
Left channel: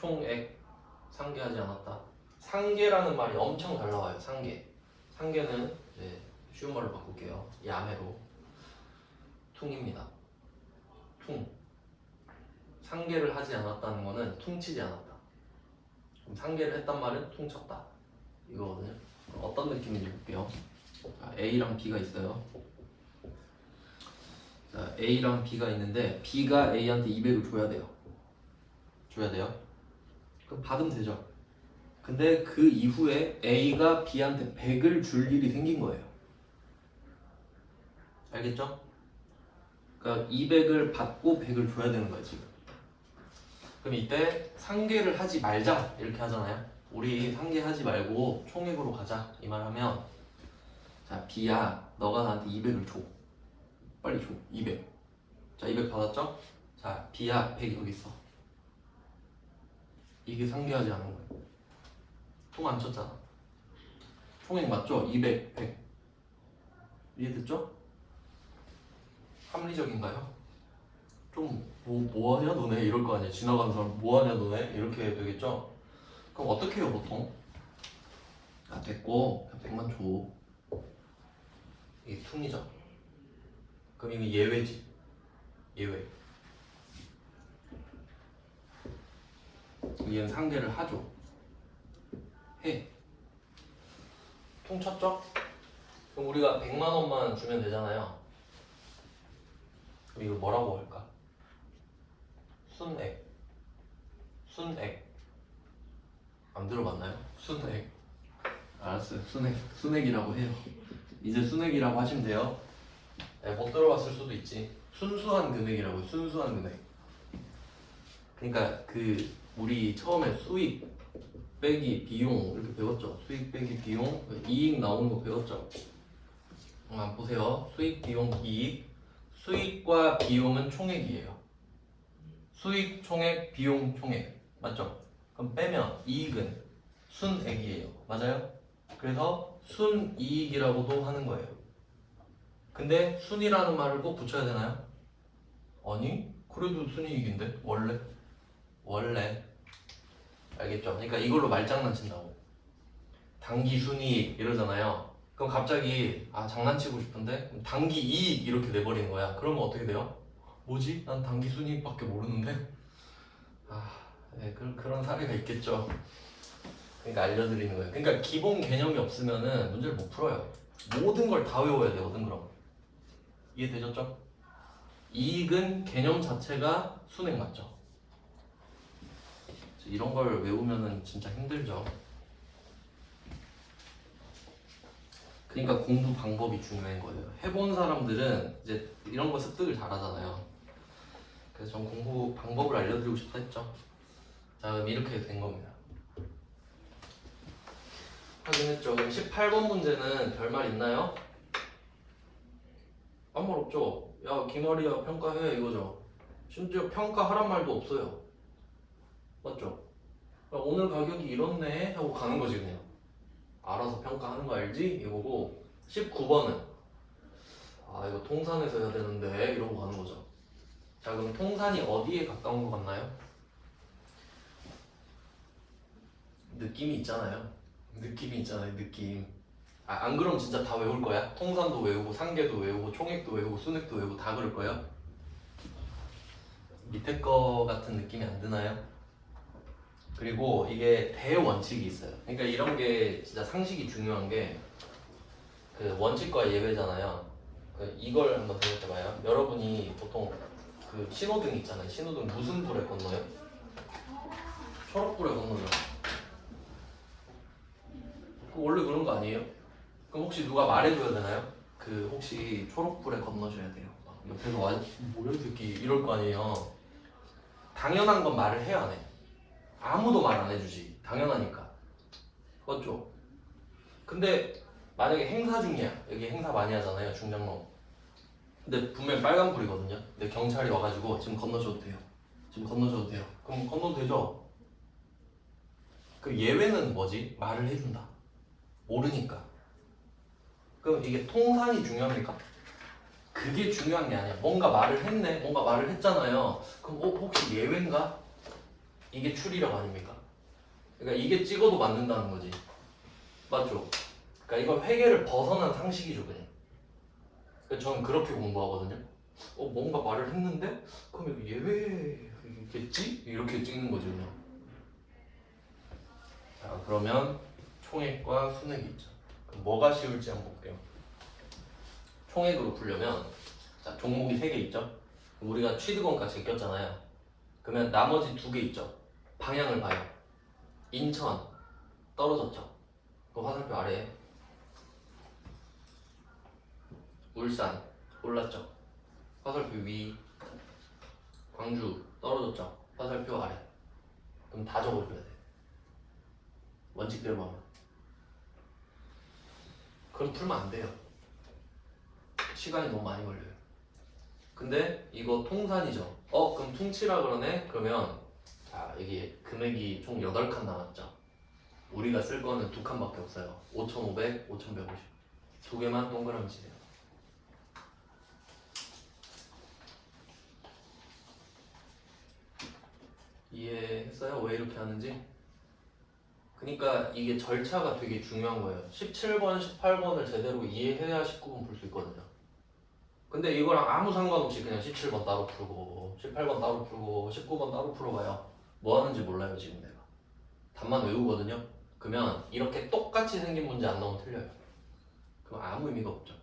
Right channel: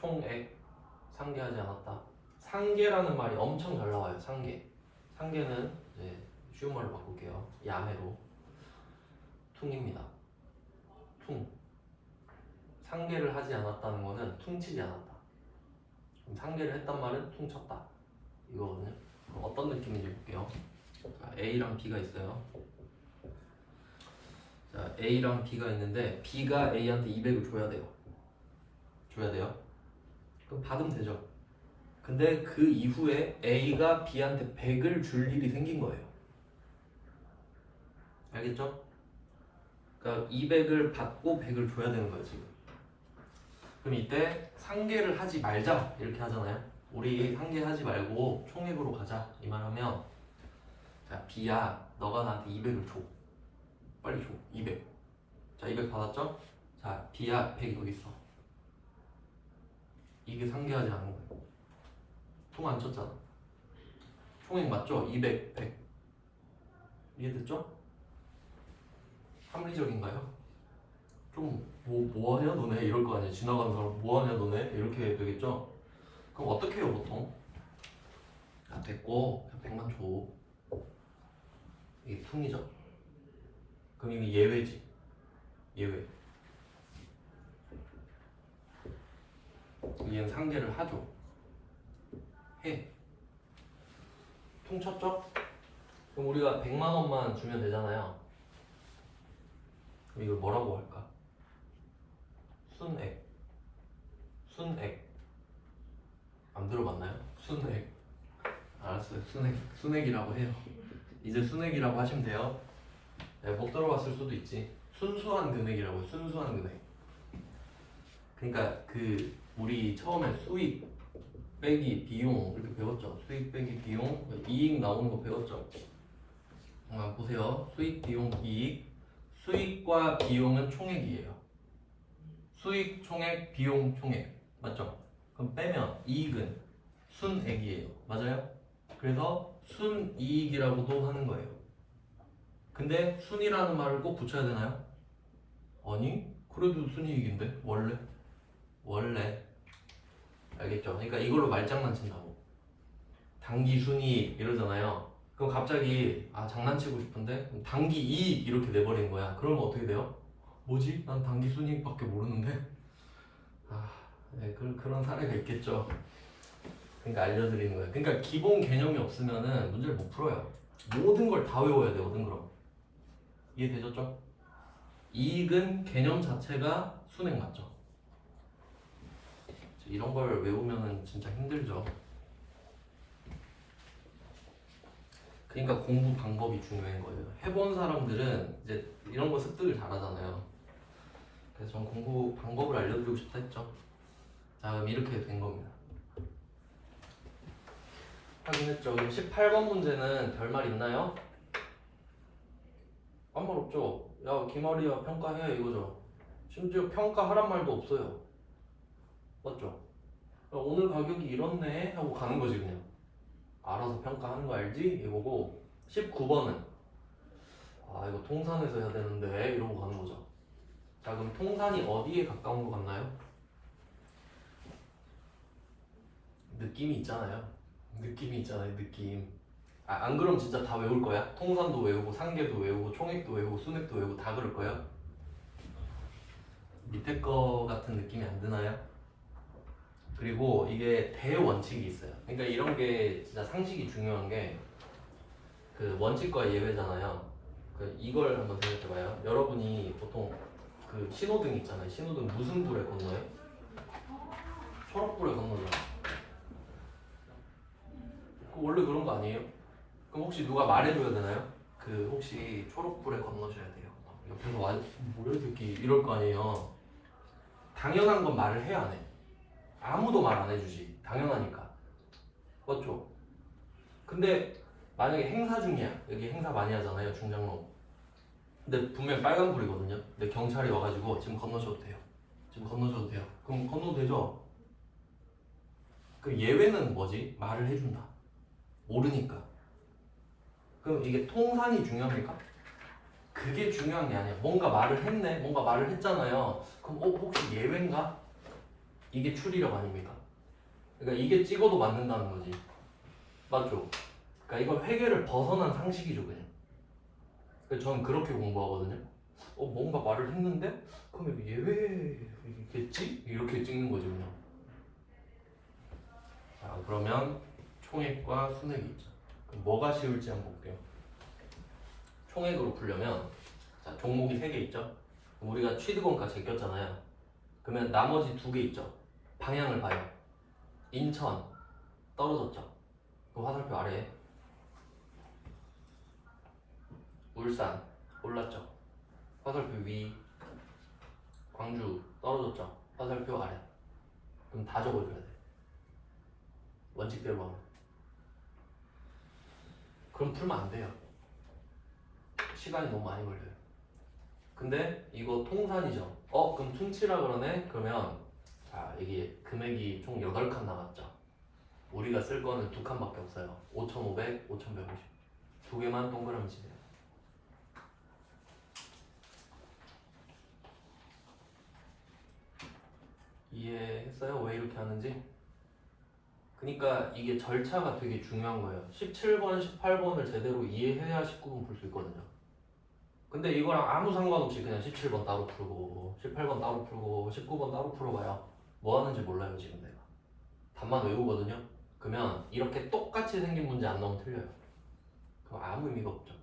총액, 상계하지 않았다. 상계라는 말이 엄청 잘 나와요. 상계는 이제 쉬운 말로 바꿀게요. 야매로 퉁입니다. 퉁. 상계를 하지 않았다는 거는 퉁치지 않았다. 그럼 상계를 했단 말은 퉁쳤다 이거거든요. 어떤 느낌인지 볼게요. 자, A랑 B가 있어요. 자, A랑 B가 있는데 B가 A한테 200을 줘야 돼요. 그럼 받으면 되죠. 근데 그 이후에 A가 B한테 100을 줄 일이 생긴 거예요. 알겠죠? 그러니까 200을 받고 100을 줘야 되는 거야 지금. 그럼 이때 상계를 하지 말자 이렇게 하잖아요. 우리 상계하지 말고 총액으로 가자 이 말 하면, 자, B야 너가 나한테 200을 줘. 빨리 줘. 200. 자, 200 받았죠? 자, B야 100이 여기 있어. 이게 상계하지 않은 거예요. 통 안 쳤잖아. 총액 맞죠? 200, 100. 이해됐죠? 합리적인가요? 좀 뭐 하냐 너네 이럴 거 아니야. 지나가는 사람 뭐 하냐 너네 이렇게 되겠죠? 그럼 어떻게 해요 보통? 됐고 그냥 100만 줘. 이게 퉁이죠. 그럼 이게 예외지. 예외. 얘는 상계를 하죠. 해. 통쳤죠? 그럼 우리가 100만 원만 주면 되잖아요. 그럼 이걸 뭐라고 할까? 순액. 순액. 안 들어봤나요? 순액. 알았어요. 순액이라고 해요. 이제 순액이라고 하시면 돼요. 네, 못 들어봤을 수도 있지. 순수한 금액이라고요. 순수한 금액. 그러니까 그 우리 처음에 수익 빼기 비용 이렇게 배웠죠. 수익 빼기 비용, 이익 나오는 거 배웠죠. 한번 보세요. 수익, 비용, 이익. 수익과 비용은 총액이에요. 수익 총액, 비용 총액. 맞죠? 그럼 빼면 이익은 순액이에요. 맞아요? 그래서 순이익이라고도 하는 거예요. 근데 순이라는 말을 꼭 붙여야 되나요? 아니, 그래도 순이익인데 원래 알겠죠? 그러니까 이걸로 말장난 친다고. 단기 순이익 이러잖아요. 그럼 갑자기 장난치고 싶은데 단기 이익 이렇게 내버린 거야. 그러면 어떻게 돼요? 뭐지? 난 단기 순이익밖에 모르는데. 네, 그런 사례가 있겠죠. 그러니까 알려드리는 거예요. 그러니까 기본 개념이 없으면은 문제를 못 풀어요. 모든 걸 다 외워야 되거든. 그럼 이해되셨죠? 이익은 개념 자체가 순액 맞죠? 이런 걸 외우면은 진짜 힘들죠. 그러니까 공부 방법이 중요한 거예요. 해본 사람들은 이제 이런 거 습득을 잘하잖아요. 그래서 전 공부 방법을 알려드리고 싶어 했죠. 다음 이렇게 된 겁니다. 확인했죠? 18번 문제는 별말 있나요? 아무 말 없죠? 야 기말이야 평가해 이거죠. 심지어 평가하란 말도 없어요. 맞죠? 야, 오늘 가격이 이렇네 하고 가는 거지 그냥. 알아서 평가하는 거 알지? 이거고 19번은 이거 통산에서 해야 되는데 이러고 가는 거죠. 자 그럼 통산이 어디에 가까운 것 같나요? 느낌이 있잖아요. 느낌. 안 그러면 진짜 다 외울 거야? 통산도 외우고 상계도 외우고 총액도 외우고 순액도 외우고 다 그럴 거예요? 밑에 거 같은 느낌이 안 드나요? 그리고 이게 대원칙이 있어요. 그러니까 이런 게 진짜 상식이 중요한 게 그 원칙과 예외잖아요. 이걸 한번 생각해봐요. 여러분이 보통 그 신호등 있잖아요. 신호등 무슨 불에 건너요? 초록불에 건너죠. 원래 그런 거 아니에요? 그럼 혹시 누가 말해줘야 되나요? 혹시 초록불에 건너셔야 돼요. 옆에서 뭐야 이 새끼 이럴 거 아니에요. 당연한 건 말을 해야 안 해. 아무도 말 안 해주지. 당연하니까. 맞죠? 근데 만약에 행사 중이야. 여기 행사 많이 하잖아요. 중장로. 근데 분명히 빨간불이거든요. 근데 경찰이 와가지고 지금 건너셔도 돼요. 그럼 건너도 되죠? 그 예외는 뭐지? 말을 해준다. 모르니까. 그럼 이게 통산이 중요합니까? 그게 중요한 게 아니야. 뭔가 말을 했네. 뭔가 말을 했잖아요. 그럼 혹시 예외인가? 이게 추리력 아닙니까? 그러니까 이게 찍어도 맞는다는 거지. 맞죠? 그러니까 이건 회계를 벗어난 상식이죠 그냥. 그래서 저는 그렇게 공부하거든요. 뭔가 말을 했는데 그럼 이거 예외겠지? 이렇게 찍는 거지 그냥. 자 그러면 총액과 순액이 있죠. 그럼 뭐가 쉬울지 한번 볼게요. 총액으로 풀려면 자 종목이 3개 있죠. 그럼 우리가 취득원가 제꼈잖아요. 그러면 나머지 2개 있죠. 방향을 봐요. 인천 떨어졌죠. 그 화살표 아래에 울산 올랐죠. 화살표 위. 광주 떨어졌죠. 화살표 아래. 그럼 다 적어줘야 돼. 원칙대로 하면. 그럼 풀면 안 돼요. 시간이 너무 많이 걸려요. 근데 이거 통산이죠. 그럼 퉁치라 그러네? 그러면 자 여기 금액이 총 8칸 남았죠. 우리가 쓸 거는 2칸밖에 없어요. 5,500, 5,150. 2개만 동그라미 치세요. 이해했어요? 왜 이렇게 하는지? 그러니까 이게 절차가 되게 중요한 거예요. 17번, 18번을 제대로 이해해야 19번 풀 수 있거든요. 근데 이거랑 아무 상관없이 그냥 17번 따로 풀고 18번 따로 풀고 19번 따로 풀어봐요. 뭐 하는지 몰라요 지금 내가. 답만 외우거든요. 그러면 이렇게 똑같이 생긴 문제 안 나오면 틀려요. 그럼 아무 의미가 없죠.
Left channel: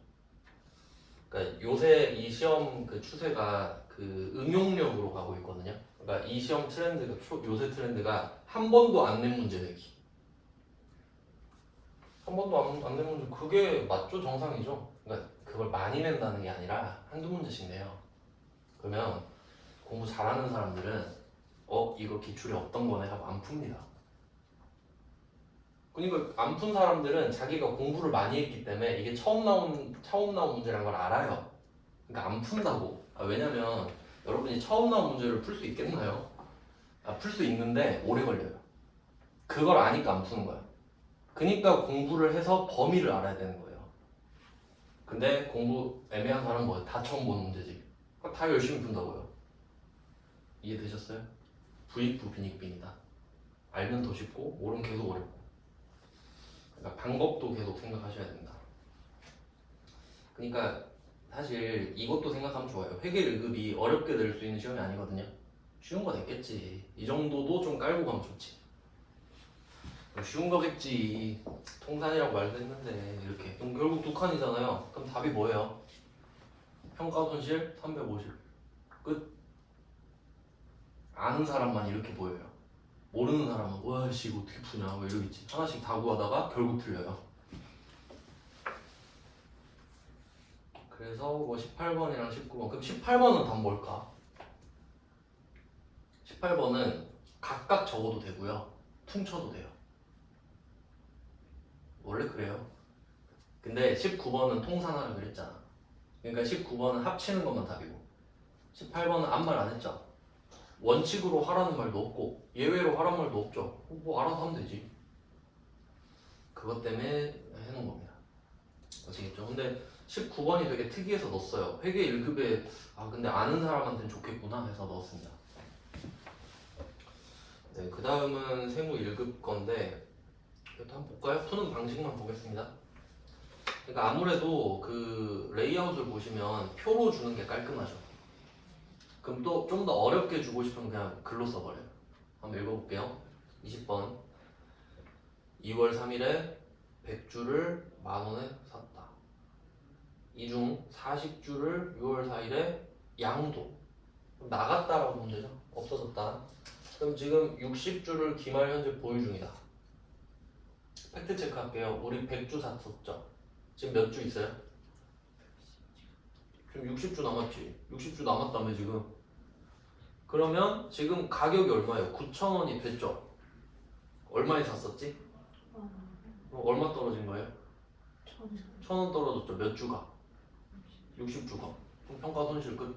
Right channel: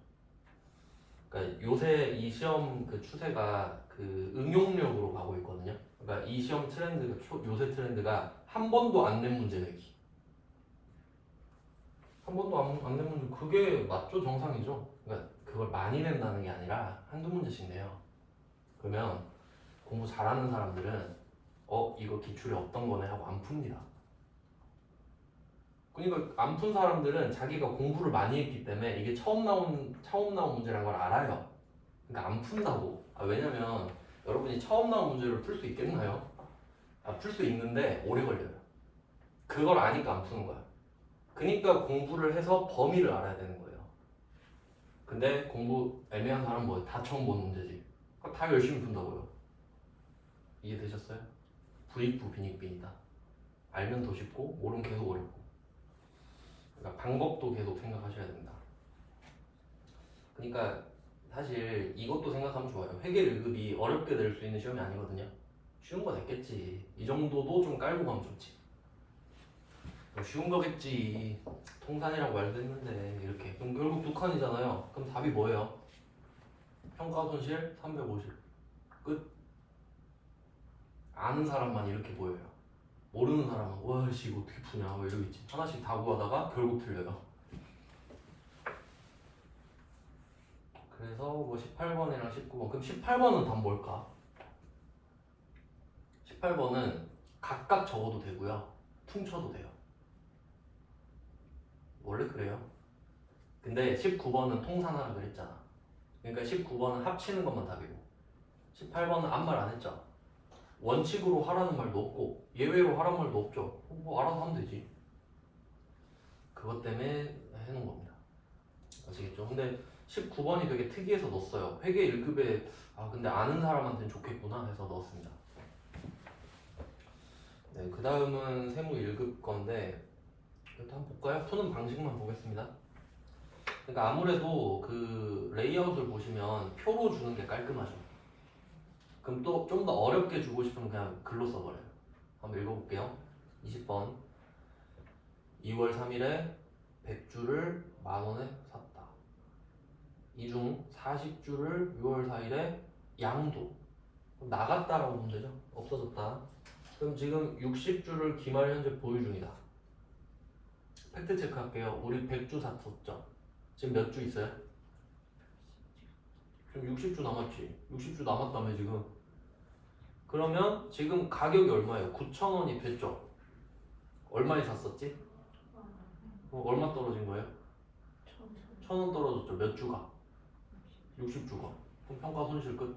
그러니까 요새 이 시험 그 추세가 그 응용력으로 가고 있거든요. 그러니까 이 시험 트렌드가 요새 트렌드가 한 번도 안 낸 문제 내기. 한 번도 안 낸 문제 그게 맞죠? 정상이죠. 그러니까 그걸 많이 낸다는 게 아니라 한두 문제씩 내요. 그러면 공부 잘하는 사람들은 이거 기출에 없던 거네 하고 안 풉니다. 그러니까 안 푼 사람들은 자기가 공부를 많이 했기 때문에 이게 처음 나온 문제란 걸 알아요. 그러니까 안 푼다고. 왜냐면 여러분이 처음 나온 문제를 풀 수 있겠나요? 풀 수 있는데 오래 걸려요. 그걸 아니까 안 푸는 거예요. 그러니까 공부를 해서 범위를 알아야 되는 거예요. 근데 공부 애매한 사람은 뭐예요? 다 처음 보는 문제지. 그러니까 다 열심히 푼다고요. 이해되셨어요? 부익부 빈익빈이다. 알면 더 쉽고 모르면 계속 어렵고. 그러니까 방법도 계속 생각하셔야 된다. 그러니까 사실 이것도 생각하면 좋아요. 회계 1급이 어렵게 낼 수 있는 시험이 아니거든요. 쉬운 거 냈겠지. 이 정도도 좀 깔고 가면 좋지. 쉬운 거겠지. 통산이라고 말도 했는데 이렇게. 그럼 결국 두 칸이잖아요. 그럼 답이 뭐예요? 평가 손실 350. 끝. 아는 사람만 이렇게 보여요. 모르는 사람은 와씨 이거 어떻게 푸냐 뭐 이러겠지. 하나씩 다 구하다가 결국 틀려요. 그래서 뭐 18번이랑 19번. 그럼 18번은 답 뭘까? 18번은 각각 적어도 되고요. 퉁쳐도 돼요. 원래 그래요. 근데 19번은 통산하라 그랬잖아. 그러니까 19번은 합치는 것만 답이고 18번은 아무 말 안 했죠. 원칙으로 하라는 말도 없고 예외로 하라는 말도 없죠. 뭐 알아서 하면 되지. 그것 때문에 해놓은 겁니다. 아시겠죠? 근데 19번이 되게 특이해서 넣었어요. 회계 1급에 근데 아는 사람한테는 좋겠구나 해서 넣었습니다. 네, 그 다음은 세무 1급 건데 이것도 한번 볼까요? 푸는 방식만 보겠습니다. 그러니까 아무래도 그 레이아웃을 보시면 표로 주는 게 깔끔하죠. 그럼 또 좀 더 어렵게 주고 싶으면 그냥 글로 써버려요. 한번 읽어볼게요. 20번 2월 3일에 100주를 만원에 샀다. 이 중 40주를 6월 4일에 양도 나갔다라고 보면 되죠. 없어졌다. 그럼 지금 60주를 기말 현재 보유 중이다. 팩트 체크할게요. 우리 100주 샀었죠. 지금 몇 주 있어요? 지금 60주 남았지. 60주 남았다며 지금. 그러면 지금 가격이 얼마예요? 9,000원이 됐죠? 얼마에 샀었지? 얼마 떨어진 거예요? 1,000원 떨어졌죠. 몇 주가? 60주가. 그럼 평가 손실 끝.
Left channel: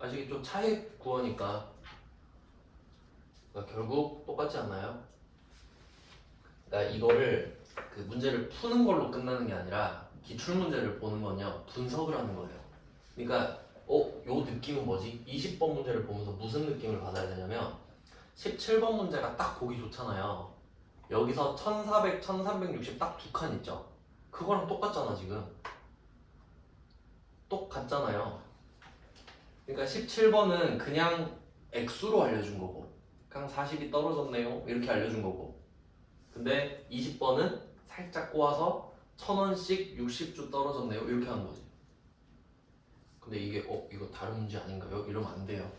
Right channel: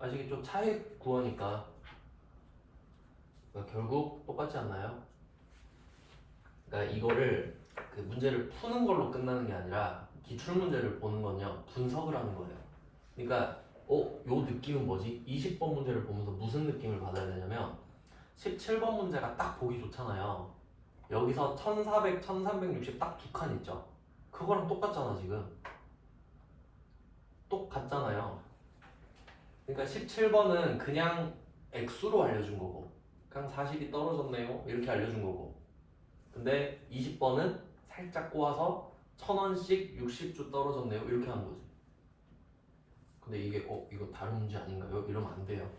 아시겠죠? 차액 구하니까. 그러니까 결국 똑같지 않나요? 그러니까 이거를 그 문제를 푸는 걸로 끝나는 게 아니라 기출 문제를 보는 건요 분석을 하는 거예요. 그러니까 요 느낌은 뭐지? 20번 문제를 보면서 무슨 느낌을 받아야 되냐면 17번 문제가 딱 보기 좋잖아요. 여기서 1400, 1360 딱 두 칸 있죠? 그거랑 똑같잖아 지금. 똑같잖아요. 그러니까 17번은 그냥 액수로 알려준 거고 그냥 40이 떨어졌네요 이렇게 알려준 거고 근데 20번은 살짝 꼬아서 1,000원씩 60주 떨어졌네요 이렇게 하는 거지. 근데 이게 이거 다른 문제 아닌가요? 이러면 안 돼요.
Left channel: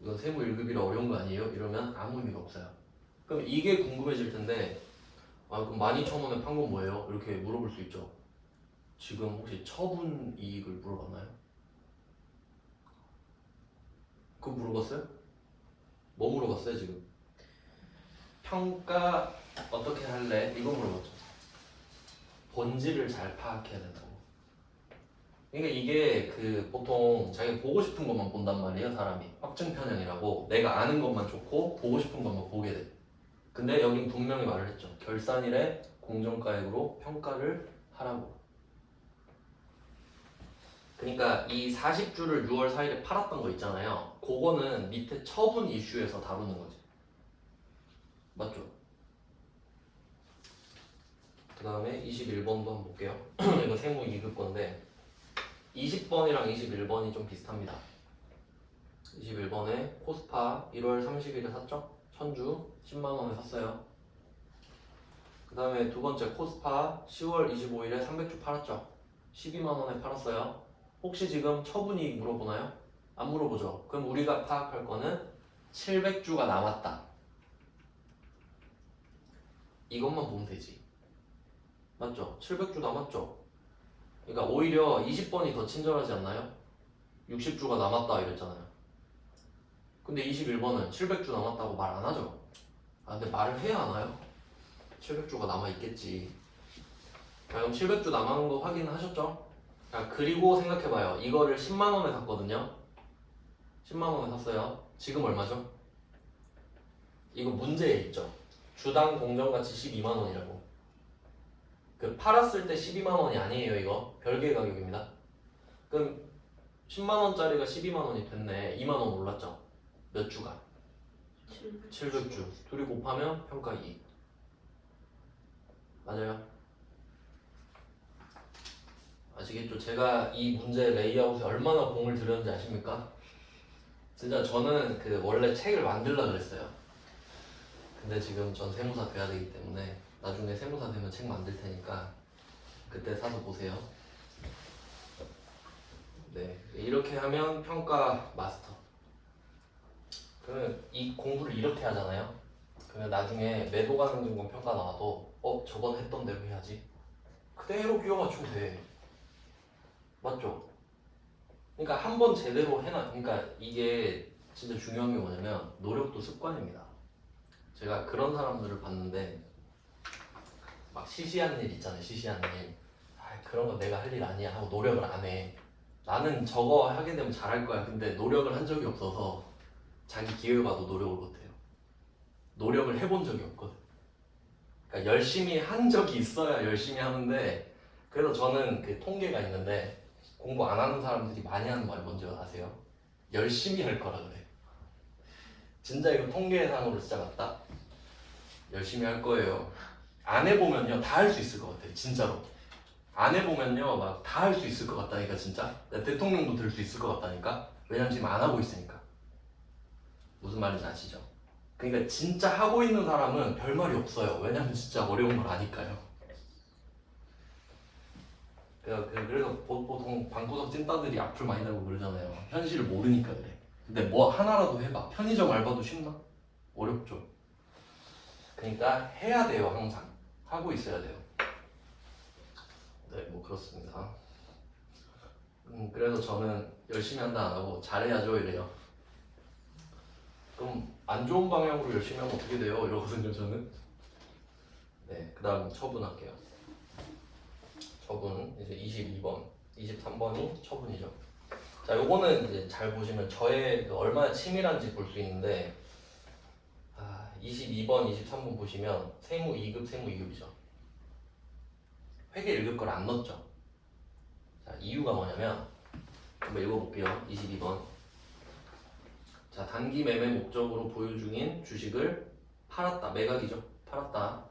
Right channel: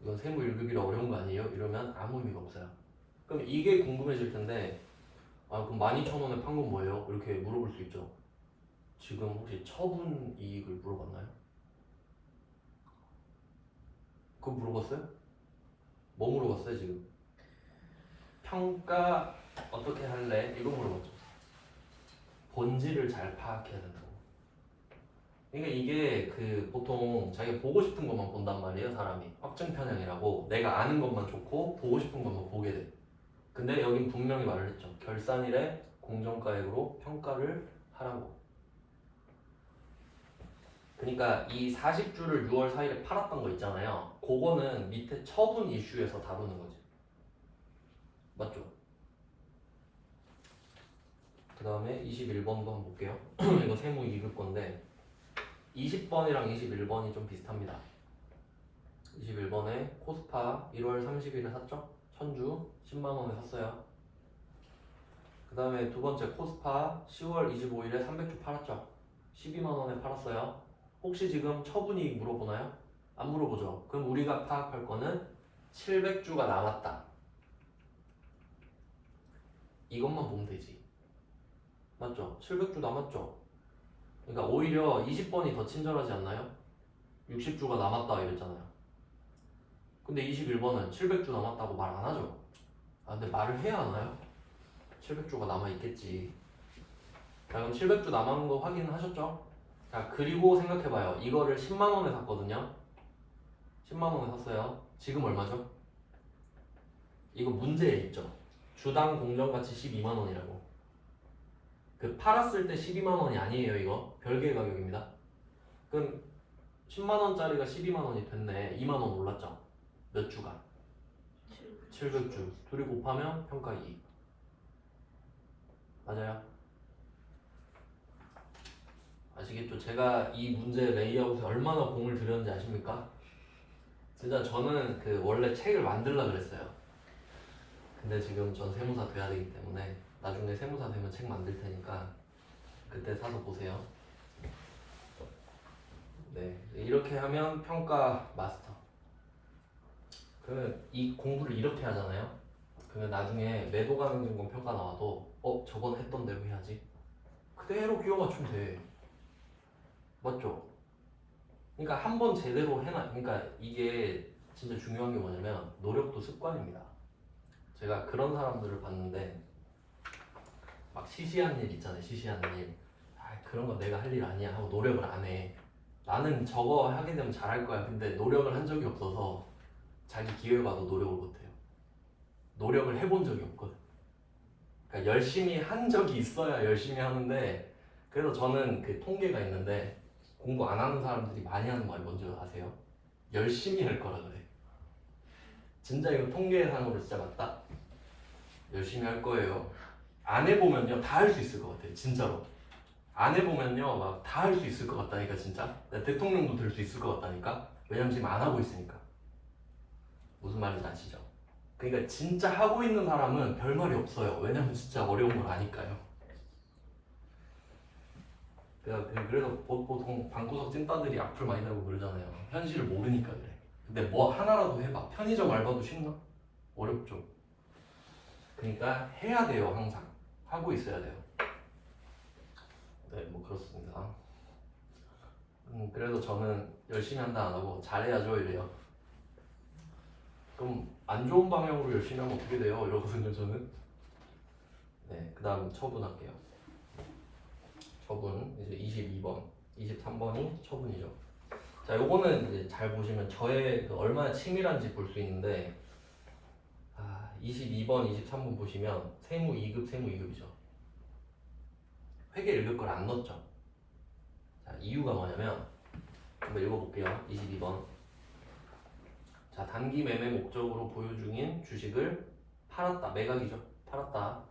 이건 세무 1급이라 어려운 거 아니에요? 이러면 아무 의미가 없어요. 그럼 이게 궁금해질 텐데 그럼 12,000원에 판 건 뭐예요? 이렇게 물어볼 수 있죠. 지금 혹시 처분 이익을 물어봤나요? 그거 물어봤어요? 뭐 물어봤어요 지금? 평가 어떻게 할래? 이거 물어봤죠. 본질을 잘 파악해야 된다고. 그러니까 이게 그 보통 자기가 보고 싶은 것만 본단 말이에요 사람이. 확증 편향이라고 내가 아는 것만 좋고 보고 싶은 것만 보게 돼. 근데 여긴 분명히 말을 했죠. 결산일에 공정가액으로 평가를 하라고. 그러니까 이 40주를 6월 4일에 팔았던 거 있잖아요. 그거는 밑에 처분 이슈에서 다루는 거지. 맞죠? 그 다음에 21번도 한번 볼게요. 이거 세무 2급 건데 20번이랑 21번이 좀 비슷합니다. 21번에 코스파 1월 30일에 샀죠? 천주 10만원에 샀어요. 그 다음에 두 번째 코스파 10월 25일에 300주 팔았죠? 12만원에 팔았어요. 혹시 지금 처분이익 물어보나요? 안 물어보죠. 그럼 우리가 파악할 거는 700주가 남았다. 이것만 보면 되지. 맞죠? 700주 남았죠? 그러니까 오히려 20번이 더 친절하지 않나요? 60주가 남았다 이랬잖아요. 근데 21번은 700주 남았다고 말 안 하죠? 아, 근데 말을 해야 하나요? 700주가 남아있겠지. 자, 그럼 700주 남은 거 확인하셨죠? 자, 그리고 생각해봐요. 이거를 10만원에 샀거든요. 10만원에 샀어요. 지금 얼마죠? 이거 문제에 있죠. 주당 공정가치 12만원이라고. 그 팔았을 때 12만원이 아니에요. 이거 별개의 가격입니다. 그럼 10만원짜리가 12만원이 됐네. 2만원 올랐죠. 몇 주가? 700주. 둘이 곱하면 평가 2. 맞아요? 아시겠죠? 제가 이 문제 레이아웃에 얼마나 공을 들였는지 아십니까? 진짜 저는 그 원래 책을 만들려고 그랬어요. 근데 지금 전 세무사 돼야 되기 때문에 나중에 세무사 되면 책 만들 테니까 그때 사서 보세요. 네, 이렇게 하면 평가 마스터. 그러면 이 공부를 이렇게 하잖아요. 그러면 나중에 매도 가능 증권 평가 나와도 저건 했던 대로 해야지. 그대로 끼워 맞추면 돼. 맞죠? 그러니까 한 번 제대로 해놔. 그러니까 이게 진짜 중요한 게 뭐냐면 노력도 습관입니다. 제가 그런 사람들을 봤는데 막 시시한 일 있잖아요. 시시한 일. 그런 거 내가 할 일 아니야 하고 노력을 안 해. 나는 저거 하게 되면 잘할 거야. 근데 노력을 한 적이 없어서 자기 기회가 와도 노력을 못해요. 노력을 해본 적이 없거든. 그러니까 열심히 한 적이 있어야 열심히 하는데 그래서 저는 그 통계가 있는데 공부 안 하는 사람들이 많이 하는 말 뭔지 아세요? 열심히 할 거라 그래. 진짜 이거 통계상으로 진짜 맞다? 열심히 할 거예요. 안 해보면요 다 할 수 있을 것 같아요. 진짜로. 안 해보면요 막 다 할 수 있을 것 같다니까 진짜. 대통령도 될 수 있을 것 같다니까. 왜냐면 지금 안 하고 있으니까. 무슨 말인지 아시죠? 그러니까 진짜 하고 있는 사람은 별 말이 없어요. 왜냐면 진짜 어려운 걸 아니까요. 그래서 보통 방구석 찐따들이 악플 많이 달고 그러잖아요. 현실을 모르니까 그래. 근데 뭐 하나라도 해봐. 편의점 알바도 쉽나? 어렵죠. 그러니까 해야 돼요. 항상 하고 있어야 돼요. 네, 뭐 그렇습니다. 그래서 저는 열심히 한다 안 하고 잘해야죠 이래요. 그럼 안 좋은 방향으로 열심히 하면 어떻게 돼요? 이러거든요 저는. 네, 그 다음 처분할게요. 처분 이제 22번, 23번이 처분이죠. 자, 요거는 이제 잘 보시면 저의 그 얼마나 치밀한지 볼 수 있는데 22번, 23번 보시면 세무 2급, 세무 2급이죠. 회계 1급 걸 안 넣었죠. 자, 이유가 뭐냐면 한번 읽어볼게요. 22번. 자, 단기 매매 목적으로 보유 중인 주식을 팔았다. 매각이죠. 팔았다.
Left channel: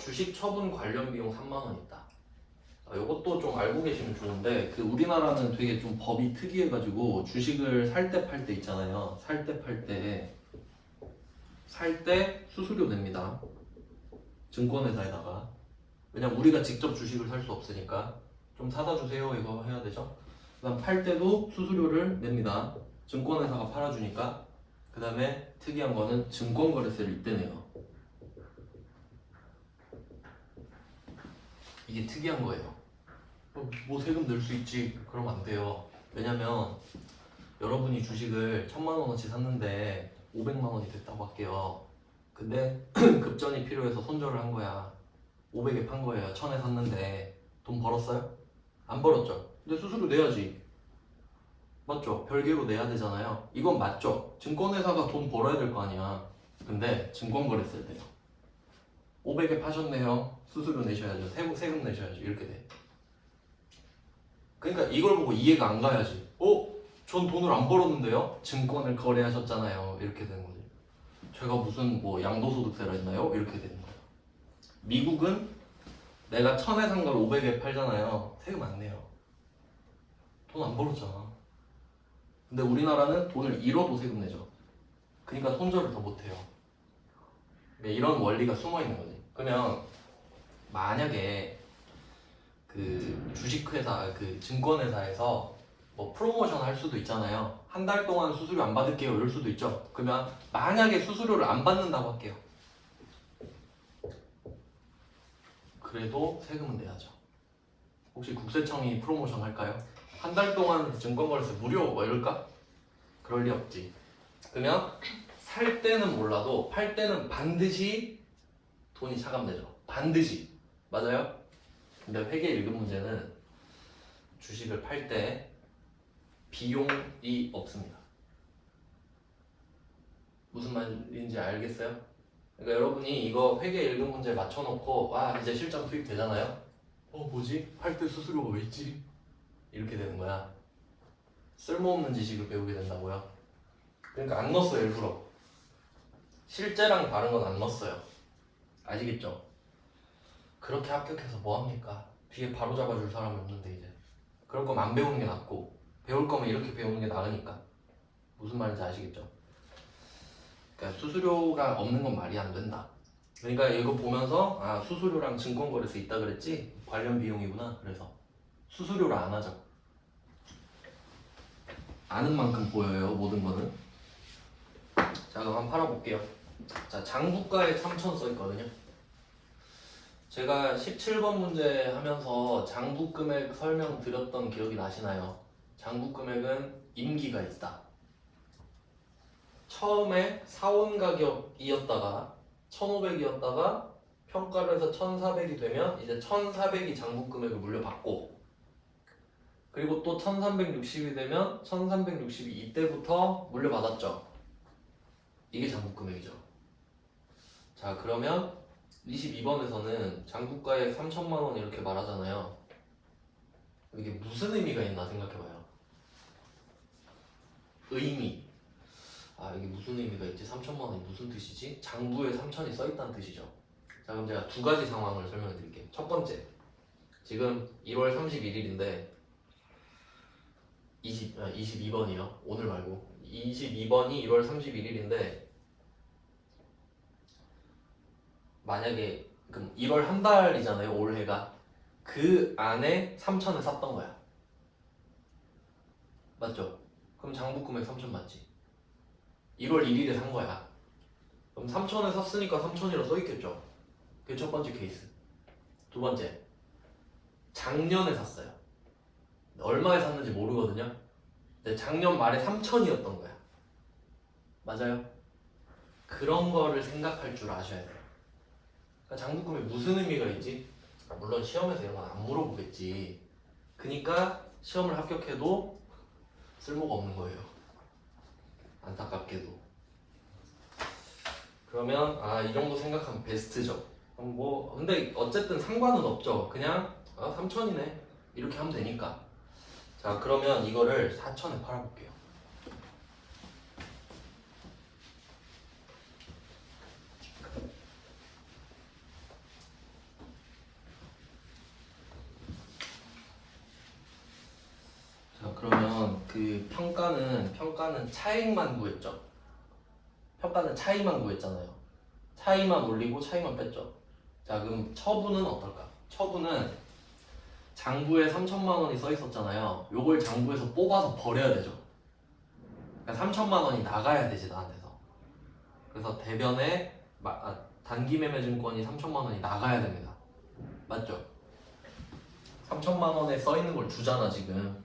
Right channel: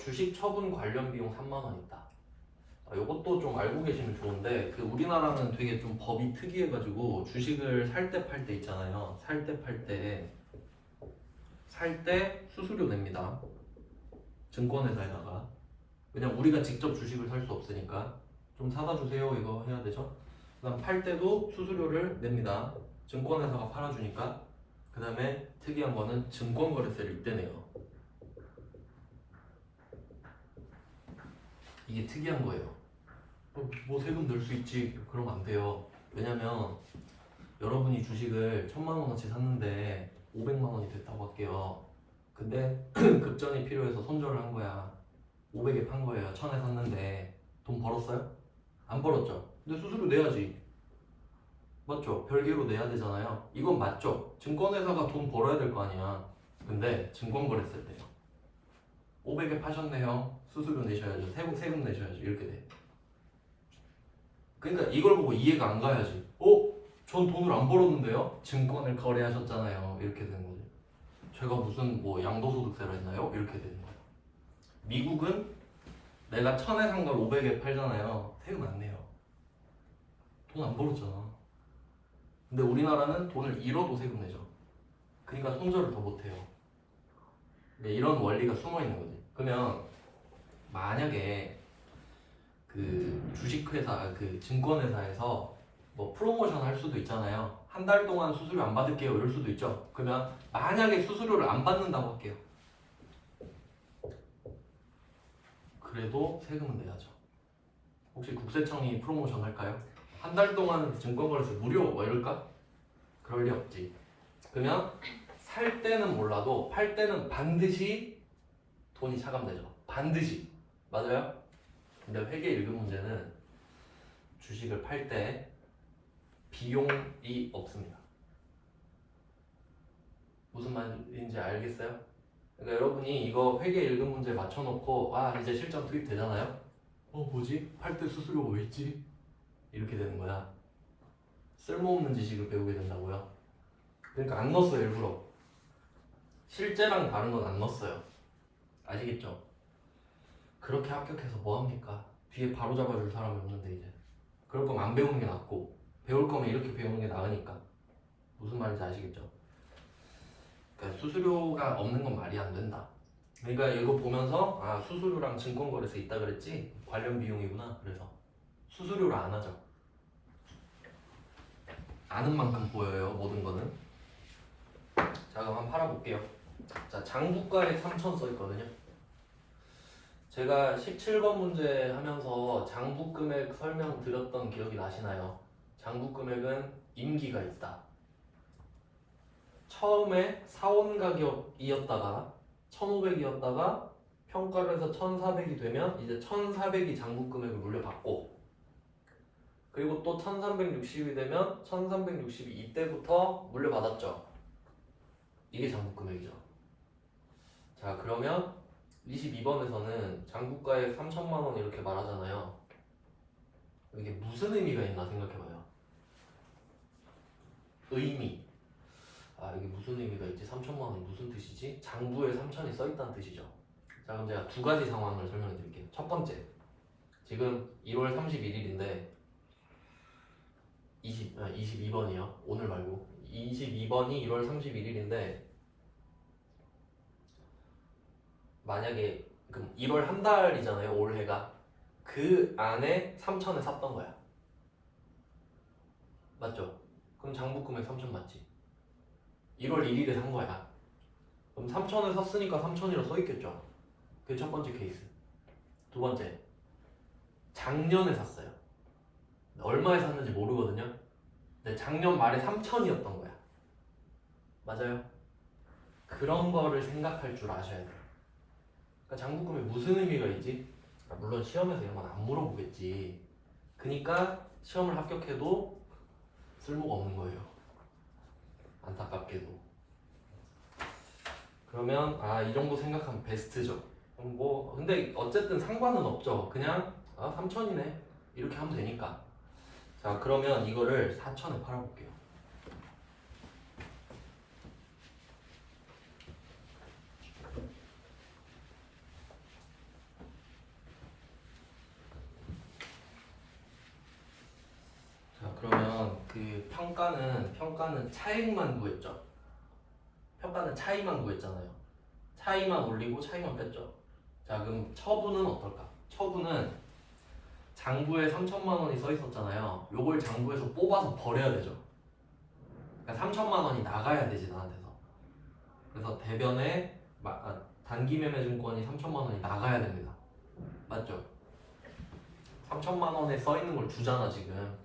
주식 처분 관련 비용 3만 원 있다. 이것도 좀 알고 계시면 좋은데 그 우리나라는 되게 좀 법이 특이해가지고 주식을 살 때 팔 때 있잖아요. 살 때 팔 때 수수료 냅니다. 증권회사에다가. 왜냐면 우리가 직접 주식을 살 수 없으니까 좀 사다 주세요 이거 해야 되죠. 그다음 팔 때도 수수료를 냅니다. 증권회사가 팔아주니까. 그 다음에 특이한 거는 증권거래세를 이때 내요. 이게 특이한 거예요. 뭐 세금 낼 수 있지 그러면 안 돼요. 왜냐면 여러분이 주식을 1,000만 원어치 샀는데 500만 원이 됐다고 할게요. 근데 급전이 필요해서 손절을 한 거야. 500에 판 거예요. 1,000에 샀는데 돈 벌었어요? 안 벌었죠. 근데 수수료 내야지. 맞죠? 별개로 내야 되잖아요. 이건 맞죠? 증권회사가 돈 벌어야 될 거 아니야. 근데 증권거래세를 내요. 500에 파셨네요. 수수료 내셔야죠. 세금 내셔야죠. 이렇게 돼. 그러니까 이걸 보고 이해가 안 가야지. 전 돈을 안 벌었는데요? 증권을 거래하셨잖아요. 이렇게 되는 거죠. 제가 무슨 뭐 양도소득세를 했나요? 이렇게 되는 거예요. 미국은 내가 1,000에 산 걸 500에 팔잖아요. 세금 안 내요. 돈 안 벌었잖아. 근데 우리나라는 돈을 잃어도 세금 내죠. 그러니까 손절을 더 못해요. 그러니까 이런 원리가 숨어 있는 거지. 그러면 만약에 그 주식회사, 그 증권회사에서 뭐 프로모션 할 수도 있잖아요. 한 달 동안 수수료 안 받을게요 이럴 수도 있죠. 그러면 만약에 수수료를 안 받는다고 할게요. 그래도 세금은 내야죠. 혹시 국세청이 프로모션 할까요? 한 달 동안 증권거래소 무료 뭐 이럴까? 그럴 리 없지. 그러면 살 때는 몰라도 팔 때는 반드시 돈이 차감되죠. 반드시. 맞아요? 근데 회계 1급 문제는 주식을 팔 때 비용이 없습니다. 무슨 말인지 알겠어요? 그러니까 여러분이 이거 회계 1급 문제 맞춰놓고 이제 실전 투입 되잖아요? 뭐지? 팔 때 수수료가 왜 있지? 이렇게 되는 거야. 쓸모없는 지식을 배우게 된다고요. 그러니까 안 넣었어 일부러. 실제랑 다른 건 안 넣었어요. 아시겠죠? 그렇게 합격해서 뭐합니까? 뒤에 바로 잡아줄 사람이 없는데 이제 그럴 거면 안 배우는 게 낫고 배울 거면 이렇게 배우는 게 나으니까. 무슨 말인지 아시겠죠? 그러니까 수수료가 없는 건 말이 안 된다. 그러니까 이거 보면서 수수료랑 증권거래소 있다 그랬지? 관련 비용이구나. 그래서 수수료를 안 하죠. 아는 만큼 보여요 모든 거는. 자 그럼 한번 팔아볼게요. 자 장부가액 3천 써있거든요. 제가 17번 문제 하면서 장부금액 설명 드렸던 기억이 나시나요? 장부금액은 임기가 있다. 처음에 사원 가격이었다가 1,500이었다가 평가를 해서 1,400이 되면 이제 1,400이 장부금액을 물려받고, 그리고 또 1,360이 되면 1,360이 이때부터 물려받았죠. 이게 장부금액이죠. 자 그러면 22번에서는 장부가액 3천만 원 이렇게 말하잖아요. 이게 무슨 의미가 있나 생각해봐요. 의미. 이게 무슨 의미가 있지? 3천만 원이 무슨 뜻이지? 장부에 3천이 써있다는 뜻이죠. 자 그럼 제가 두 가지 상황을 설명해 드릴게요. 첫 번째, 지금 1월 31일인데 22번이요. 오늘 말고 22번이 1월 31일인데 만약에 그럼 1월 한 달이잖아요. 올해가. 그 안에 3천을 샀던 거야. 맞죠? 그럼 장부금액 3천 맞지? 1월 1일에 산 거야. 그럼 3천에 샀으니까 3천이라고 써있겠죠? 그게 첫 번째 케이스. 두 번째, 작년에 샀어요. 얼마에 샀는지 모르거든요. 근데 작년 말에 3천이었던 거야. 맞아요? 그런 거를 생각할 줄 아셔야 돼요. 그러니까 장부금에 무슨 의미가 있지? 물론 시험에서 이런 건 안 물어보겠지. 그러니까 시험을 합격해도 쓸모가 없는 거예요. 안타깝게도. 그러면 이 정도 생각하면 베스트죠. 근데 어쨌든 상관은 없죠. 그냥 3천이네 이렇게 하면 되니까. 자 그러면 이거를 4천에 팔아볼게요. 자 그러면 그 평가는 차익만 구했죠. 평가는 차이만 구했잖아요. 차이만 올리고 차이만 뺐죠. 자 그럼 처분은 어떨까? 처분은 장부에 3천만 원이 써 있었잖아요. 요걸 장부에서 뽑아서 버려야 되죠. 그러니까 3천만 원이 나가야 되지 나한테서. 그래서 대변에 단기매매증권이 3천만 원이 나가야 됩니다. 맞죠? 3천만 원에 써 있는 걸 주잖아 지금.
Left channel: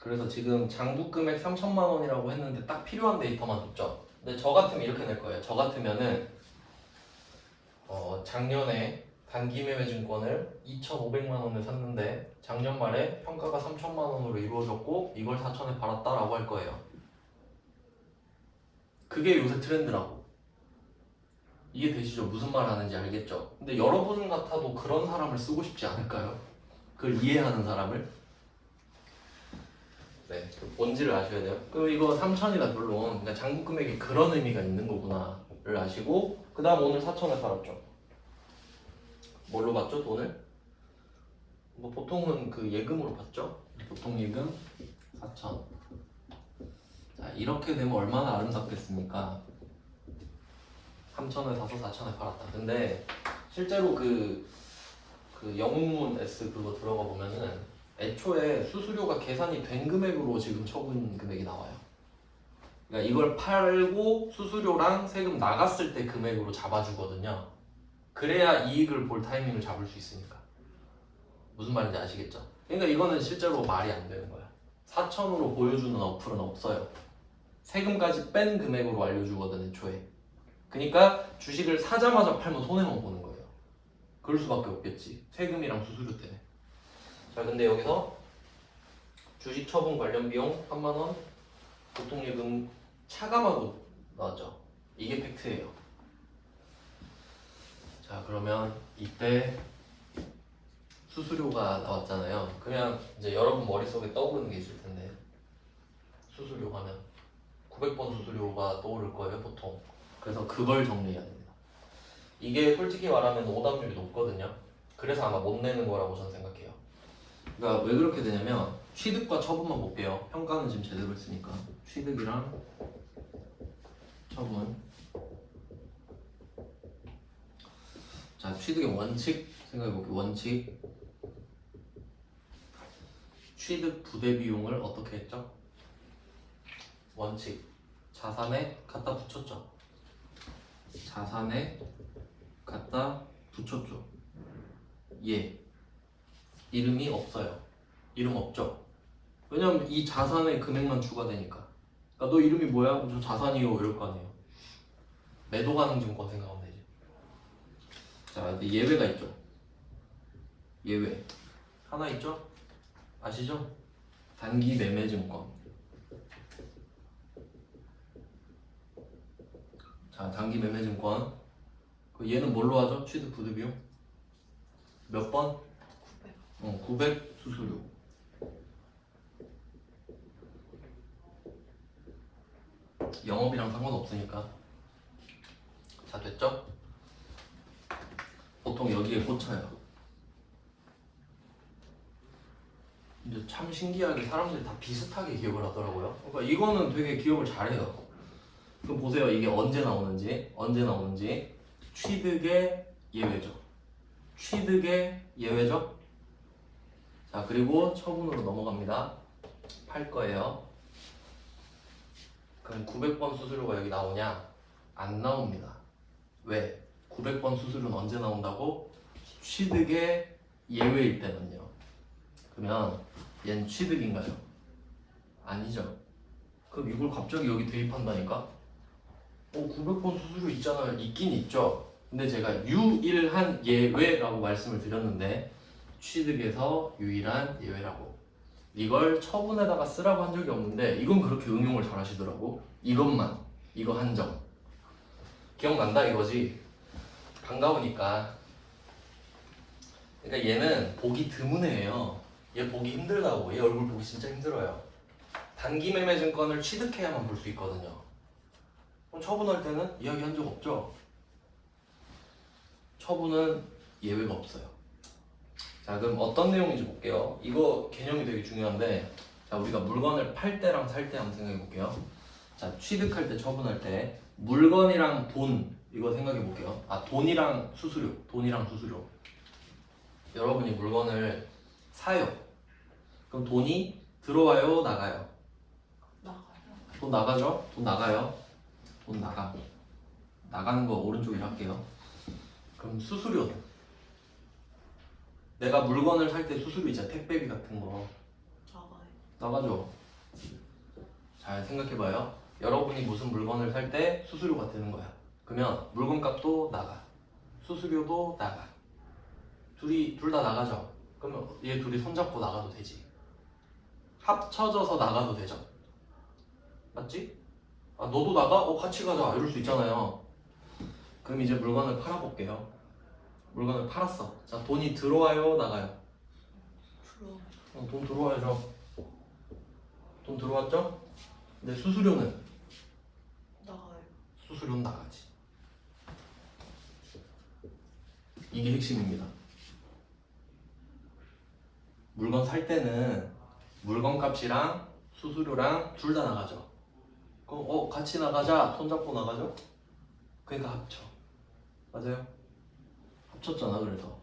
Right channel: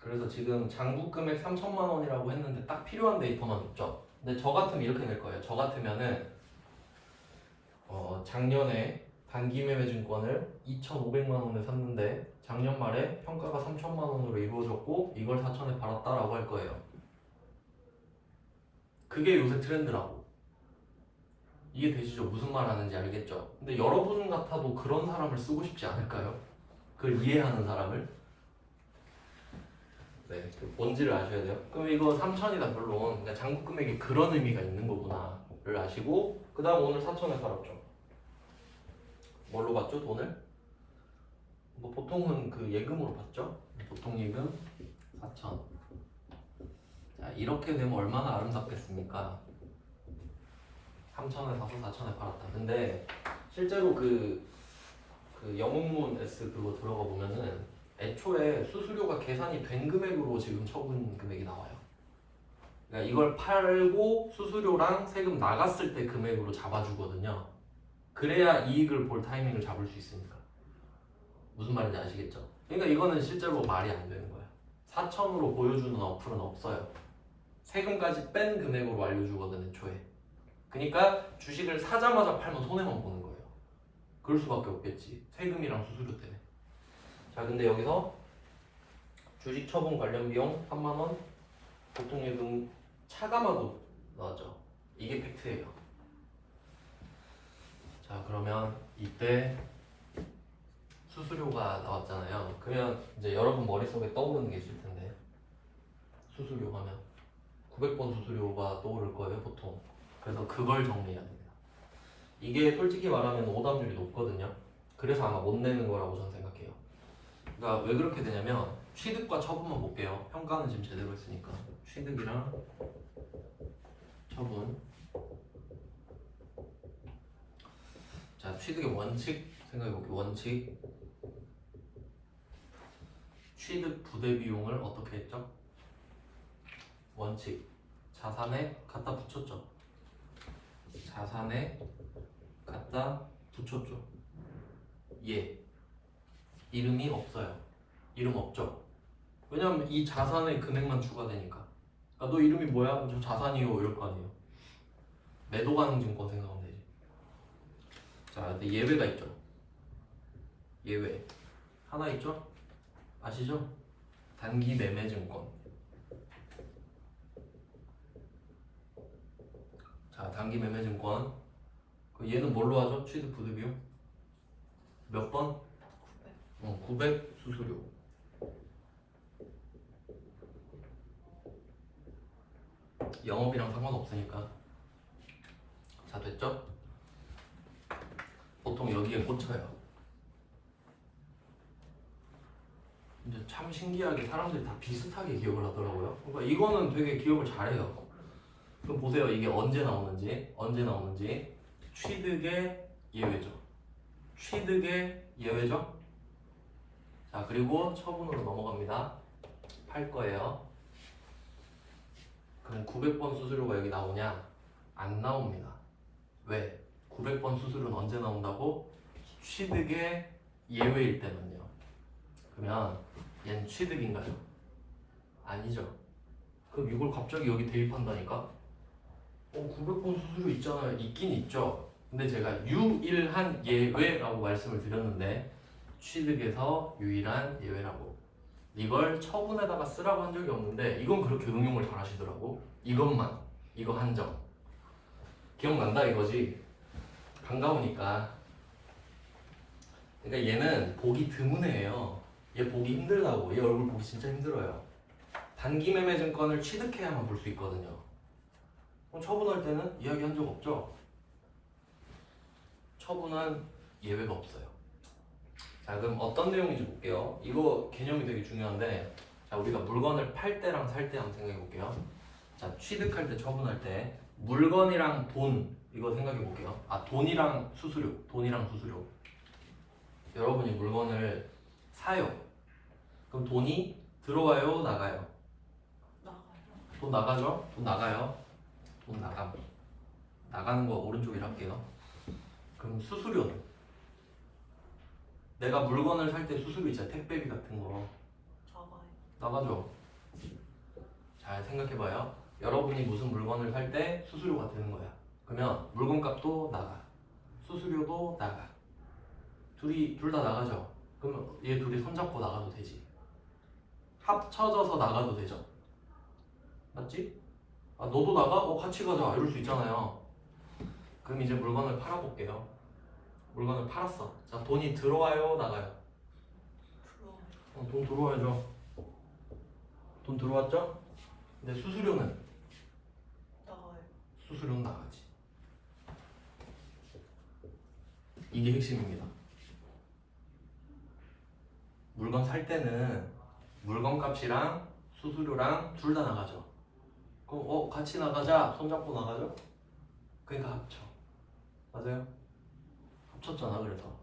그래서 지금 장부금액 3천만 원이라고 했는데 딱 필요한 데이터만 줬죠. 근데 저 같으면 이렇게 낼 거예요. 저 같으면은 작년에 단기매매증권을 2,500만 원에 샀는데 작년 말에 평가가 3천만 원으로 이루어졌고 이걸 4천에 팔았다라고 할 거예요. 그게 요새 트렌드라고. 이해되시죠? 무슨 말 하는지 알겠죠? 근데 여러분 같아도 그런 사람을 쓰고 싶지 않을까요? 그걸 이해하는 사람을? 네, 뭔지를 아셔야 돼요. 그럼 이거 3천이다 물론 그러니까 장부금액이 그런 의미가 있는 거구나를 아시고 그 다음 오늘 4천에 팔았죠. 뭘로 받죠 돈을? 보통은 그 예금으로 받죠. 보통 예금 4천. 이렇게 되면 얼마나 아름답겠습니까? 3,000원에 사서 4,000원에 팔았다. 근데 실제로 그 영웅문 S 그거 들어가 보면은 애초에 수수료가 계산이 된 금액으로 지금 처분 금액이 나와요. 그러니까 이걸 팔고 수수료랑 세금 나갔을 때 금액으로 잡아주거든요. 그래야 이익을 볼 타이밍을 잡을 수 있으니까. 무슨 말인지 아시겠죠? 그러니까 이거는 실제로 말이 안 되는 거야. 4,000으로 보여주는 어플은 없어요. 세금까지 뺀 금액으로 알려주거든 애초에. 그러니까 주식을 사자마자 팔면 손해만 보는 거예요. 그럴 수밖에 없겠지. 세금이랑 수수료 때문에. 자, 근데 여기서 주식 처분 관련 비용 3만 원, 보통예금 차감하고 나왔죠. 이게 팩트예요. 자, 그러면 이때 수수료가 나왔잖아요. 그러면 이제 여러분 머릿속에 떠오르는 게 있을 텐데 수수료 하면 900번 수수료가 떠오를 거예요, 보통. 그래서 그걸 정리해야 됩니다. 이게 솔직히 말하면 오답률이 높거든요. 그래서 아마 못 내는 거라고 저는 생각해요. 그러니까 왜 그렇게 되냐면 취득과 처분만 볼게요. 평가는 지금 제대로 했으니까. 취득이랑 처분. 자, 취득의 원칙 생각해볼게요. 원칙. 취득 부대 비용을 어떻게 했죠? 원칙. 자산에 갖다 붙였죠. 자산에 갖다 붙였죠. 예. 이름이 없어요. 이름 없죠. 왜냐면 이 자산의 금액만 추가되니까. 야, 너 이름이 뭐야? 저 자산이요. 이럴 거 아니에요. 매도 가능 증권 생각하면 되지. 자, 근데 예외가 있죠. 예외. 하나 있죠? 아시죠? 단기 매매 증권. 자, 단기 매매 증권. 얘는 뭘로 하죠? 취득 부대 비용? 몇 번? 900 수수료. 영업이랑 상관없으니까. 자, 됐죠? 보통 여기에 꽂혀요. 근데 참 신기하게 사람들이 다 비슷하게 기억을 하더라고요. 그러니까 이거는 되게 기억을 잘해요. 그럼 보세요. 이게 언제 나오는지. 취득의 예외죠. 취득의 예외죠. 자, 그리고 처분으로 넘어갑니다. 팔 거예요. 그럼 900번 수수료가 여기 나오냐? 안 나옵니다. 왜? 900번 수수료는 언제 나온다고? 취득의 예외일 때만요. 그러면 얘는 취득인가요? 아니죠. 그럼 이걸 갑자기 여기 대입한다니까? 900번 수수료 있잖아요. 있긴 있죠. 근데 제가 유일한 예외라고 말씀을 드렸는데 취득에서 유일한 예외라고. 이걸 처분에다가 쓰라고 한 적이 없는데 이건 그렇게 응용을 잘 하시더라고. 이것만, 이거 한정. 기억난다 이거지? 반가우니까. 그러니까 얘는 보기 드문 애예요. 얘 보기 힘들다고. 얘 얼굴 보기 진짜 힘들어요. 단기 매매 증권을 취득해야만 볼 수 있거든요. 그럼 처분할 때는 이야기한 적 없죠? 처분은 예외가 없어요. 자, 그럼 어떤 내용인지 볼게요. 이거 개념이 되게 중요한데, 자, 우리가 물건을 팔 때랑 살 때 한번 생각해 볼게요. 자, 취득할 때, 처분할 때 물건이랑 돈 이거 생각해 볼게요. 돈이랑 수수료, 여러분이 물건을 사요. 그럼 돈이 들어와요, 나가요? 나가요. 돈 나가죠? 돈 나가요. 돈 나가. 나가는 거 오른쪽에 할게요. 그럼 수수료는? 내가 물건을 살 때 수수료 있잖아. 택배비 같은 거. 나가요. 나가죠. 잘 생각해봐요. 여러분이 무슨 물건을 살 때 수수료가 드는 거야. 그러면 물건값도 나가. 수수료도 나가. 둘 다 나가죠. 그러면 얘 둘이 손잡고 나가도 되지. 합쳐져서 나가도 되죠. 맞지? 너도 나가? 같이 가자. 이럴 수 있잖아요. 그럼 이제 물건을 팔아볼게요. 물건을 팔았어. 자, 돈이 들어와요, 나가요? 들어와요. 돈 들어와야죠. 돈 들어왔죠? 근데 수수료는? 나가요. 수수료는 나가지. 이게 핵심입니다. 물건 살 때는 물건 값이랑 수수료랑 둘 다 나가죠. 그럼 같이 나가자. 손잡고 나가죠? 그러니까 합쳐. 맞아요? 합쳤잖아. 그래서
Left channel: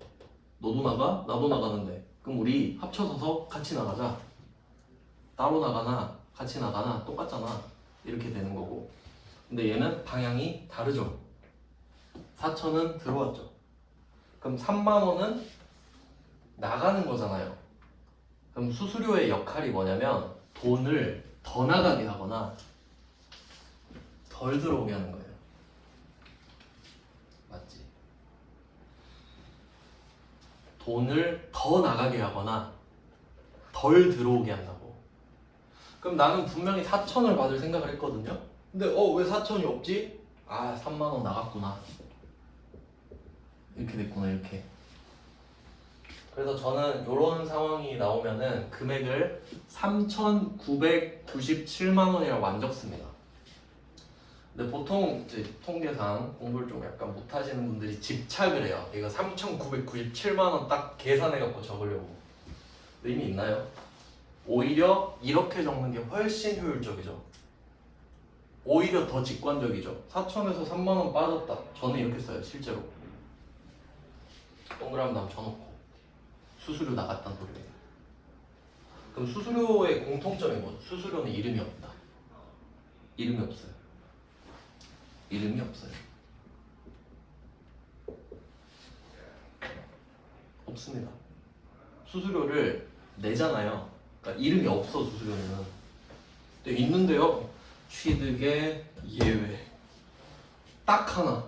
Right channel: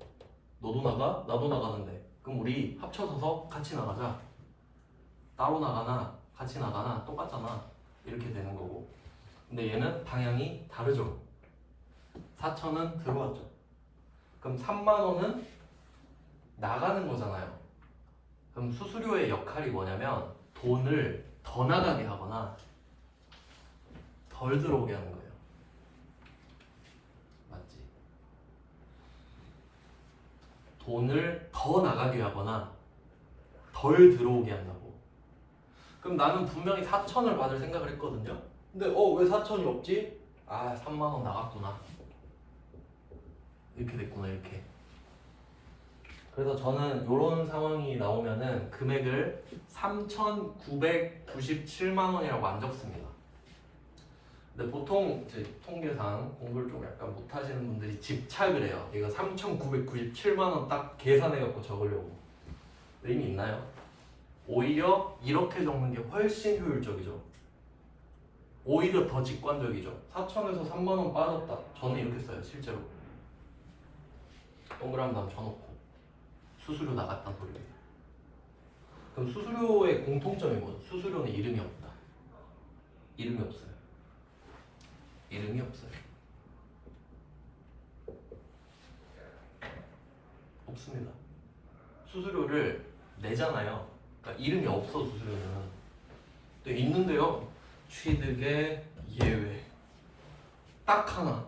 너도 나가, 나도 나가는데 그럼 우리 합쳐서서 같이 나가자. 따로 나가나 같이 나가나 똑같잖아. 이렇게 되는 거고. 근데 얘는 방향이 다르죠. 4천은 들어왔죠. 그럼 3만 원은 나가는 거잖아요. 그럼 수수료의 역할이 뭐냐면 돈을 더 나가게 하거나 덜 들어오게 하는 거예요. 맞지? 돈을 더 나가게 하거나 덜 들어오게 한다고. 그럼 나는 분명히 4천을 받을 생각을 했거든요. 근데 왜 4천이 없지? 3만 원 나갔구나. 이렇게 됐구나. 이렇게. 그래서 저는 이런 상황이 나오면은 금액을 3,997만 원이라고 안 적습니다. 근데 보통 이제 통계상 공부를 좀 약간 못하시는 분들이 집착을 해요. 이거 3,997만 원 딱 계산해갖고 적으려고. 의미 있나요? 오히려 이렇게 적는 게 훨씬 효율적이죠. 오히려 더 직관적이죠. 4천에서 3만 원 빠졌다. 저는 이렇게 써요. 실제로. 동그라미 다음 쳐놓고 수수료 나갔다는 소리. 그럼 수수료의 공통점이 뭐죠? 수수료는 이름이 없다. 이름이 없어요. 이름이 없어요. 없습니다. 수수료를 내잖아요. 그러니까 이름이 없어. 수수료는. 근데 있는데요. 취득의 예외. 딱 하나.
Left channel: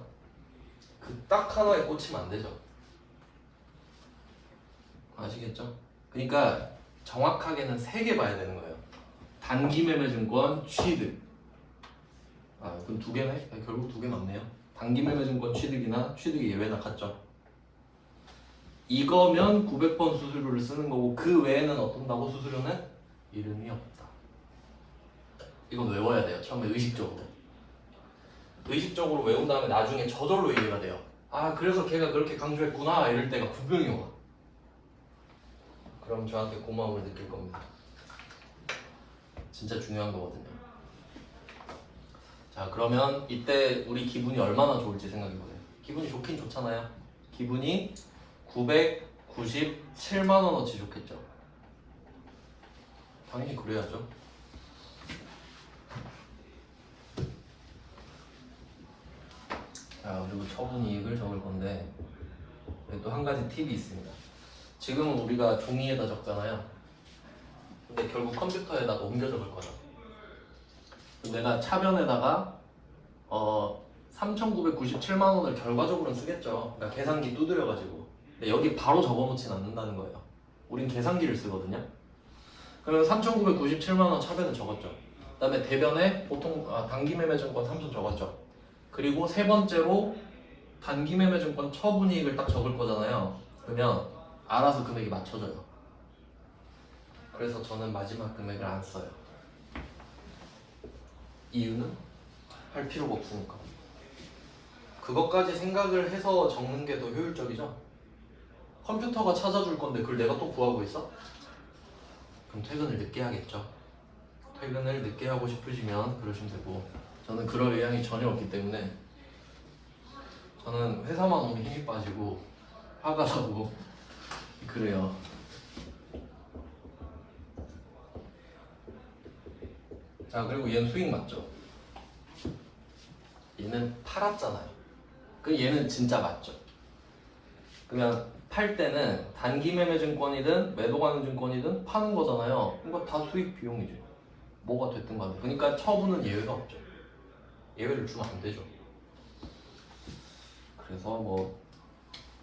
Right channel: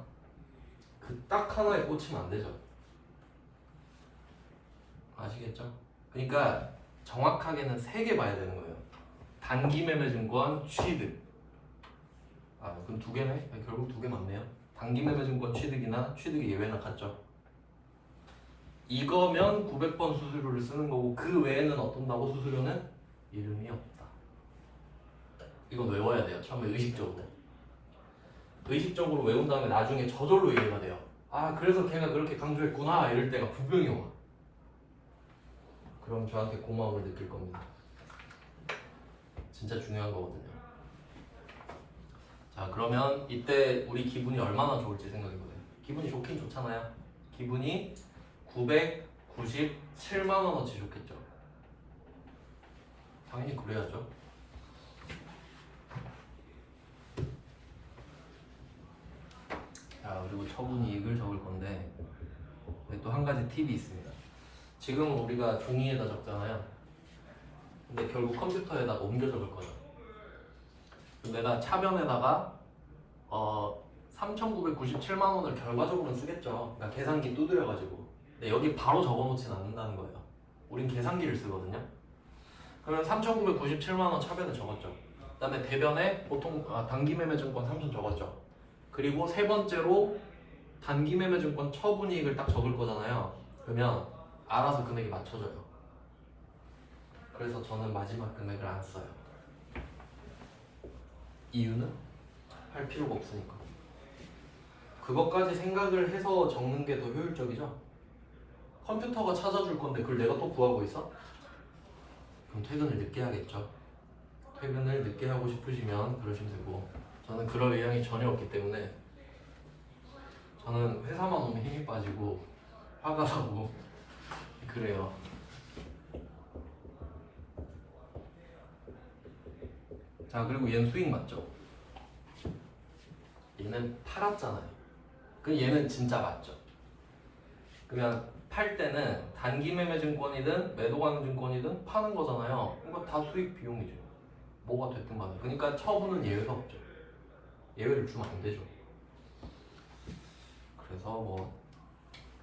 그 딱 하나에 꽂히면 안 되죠. 아시겠죠? 그러니까 정확하게는 3개 봐야 되는 거예요. 단기매매증권 취득. 그럼 2개네? 결국 2개 맞네요. 단기매매증권 취득이나 취득의 예외나 같죠? 이거면 900번 수수료를 쓰는 거고 그 외에는 어떤다고 수수료는 이름이 없다. 이건 외워야 돼요. 처음에 의식적으로. 의식적으로 외운 다음에 나중에 저절로 이해가 돼요. 그래서 걔가 그렇게 강조했구나 이럴 때가 분명히 와. 그럼 저한테 고마움을 느낄 겁니다. 진짜 중요한 거거든요. 자, 그러면 이때 우리 기분이 얼마나 좋을지 생각해보세요. 기분이 좋긴 좋잖아요. 기분이 997만 원어치 좋겠죠. 당연히 그래야죠. 자, 그리고 처분이익을 적을 건데 또 한 가지 팁이 있습니다. 지금은 우리가 종이에다 적잖아요. 근데 결국 컴퓨터에다가 옮겨 적을 거야. 내가 차변에다가 3,997만 원을 결과적으로는 쓰겠죠. 그러니까 계산기 두드려가지고. 근데 여기 바로 적어놓진 않는다는 거예요. 우린 계산기를 쓰거든요. 그러면 3,997만 원 차변에 적었죠. 그다음에 대변에 보통 단기매매증권 3천 적었죠. 그리고 세 번째로 단기매매증권 처분이익을 딱 적을 거잖아요. 그러면 알아서 금액이 맞춰져요. 그래서 저는 마지막 금액을 안 써요. 이유는 할 필요가 없으니까. 그것까지 생각을 해서 적는 게 더 효율적이죠. 컴퓨터가 찾아줄 건데 그걸 내가 또 구하고 있어? 그럼 퇴근을 늦게 하겠죠. 퇴근을 늦게 하고 싶으시면 그러시면 되고, 저는 그럴 의향이 전혀 없기 때문에 저는 회사만 오면 힘이 빠지고 화가 나고 그래요. 자, 그리고 얘는 수익 맞죠? 얘는 팔았잖아요. 그럼 얘는 진짜 맞죠? 그러면 팔 때는 단기매매증권이든 매도가능증권이든 파는 거잖아요. 이거 다 수익 비용이죠. 뭐가 됐든 간에. 그러니까 처분은 예외가 없죠. 예외를 주면 안 되죠. 그래서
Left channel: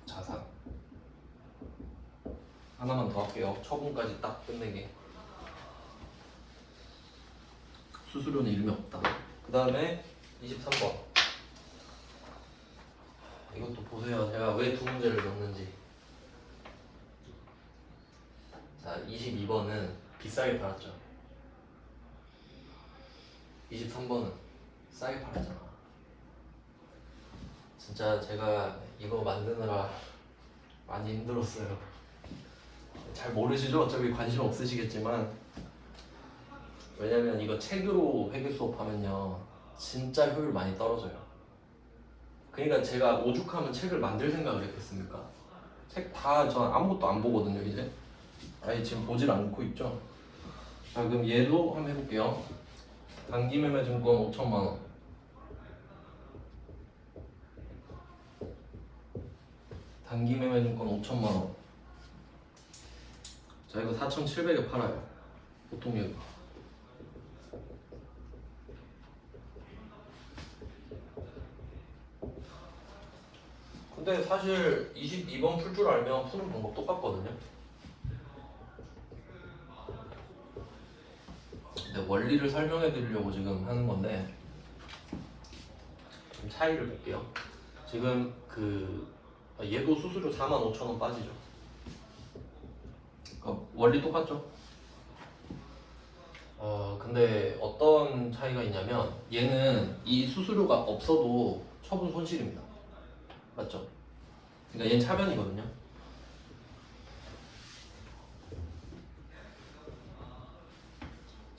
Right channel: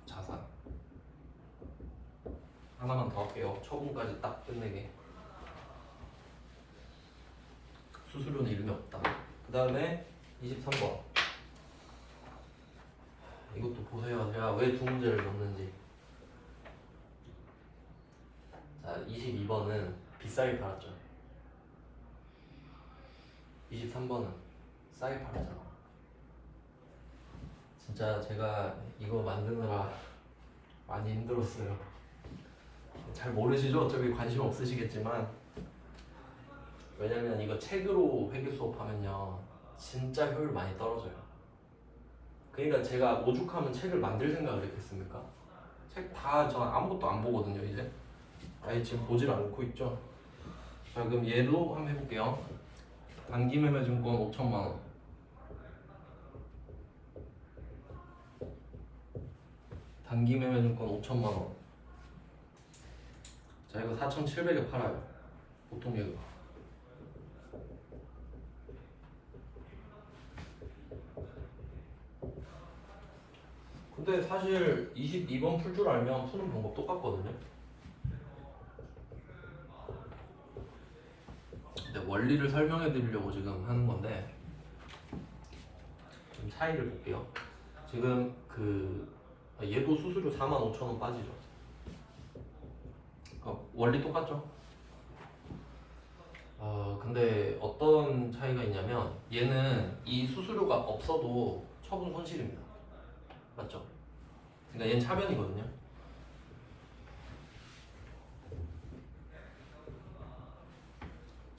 자산 하나만 더 할게요. 처분까지 딱 끝내게. 수수료는 이름이 없다. 그 다음에 23번. 이것도 보세요. 제가 왜 두 문제를 넣는지. 자, 22번은 비싸게 팔았죠. 23번은 싸게 팔았잖아. 진짜 제가 이거 만드느라 많이 힘들었어요. 잘 모르시죠? 어차피 관심 없으시겠지만 왜냐면 이거 책으로 회계 수업하면요 진짜 효율 많이 떨어져요. 그러니까 제가 오죽하면 책을 만들 생각을 했겠습니까? 책 다 전 아무것도 안 보거든요 이제. 아예 지금 보질 않고 있죠. 자 그럼 얘도 한번 해볼게요. 단기매매증권 5천만 원. 단기매매증권 5천만 원. 자 이거 4,700에 팔아요. 보통 얘가. 근데 사실 22번 풀 줄 알면 푸는 방법 똑같거든요. 근데 원리를 설명해 드리려고 지금 하는 건데 좀 차이를 볼게요. 지금 얘도 수수료 45,000원 빠지죠. 원리 똑같죠? 근데 어떤 차이가 있냐면 얘는 이 수수료가 없어도 처분 손실입니다. 맞죠? 그러니까 얘는 차변이거든요.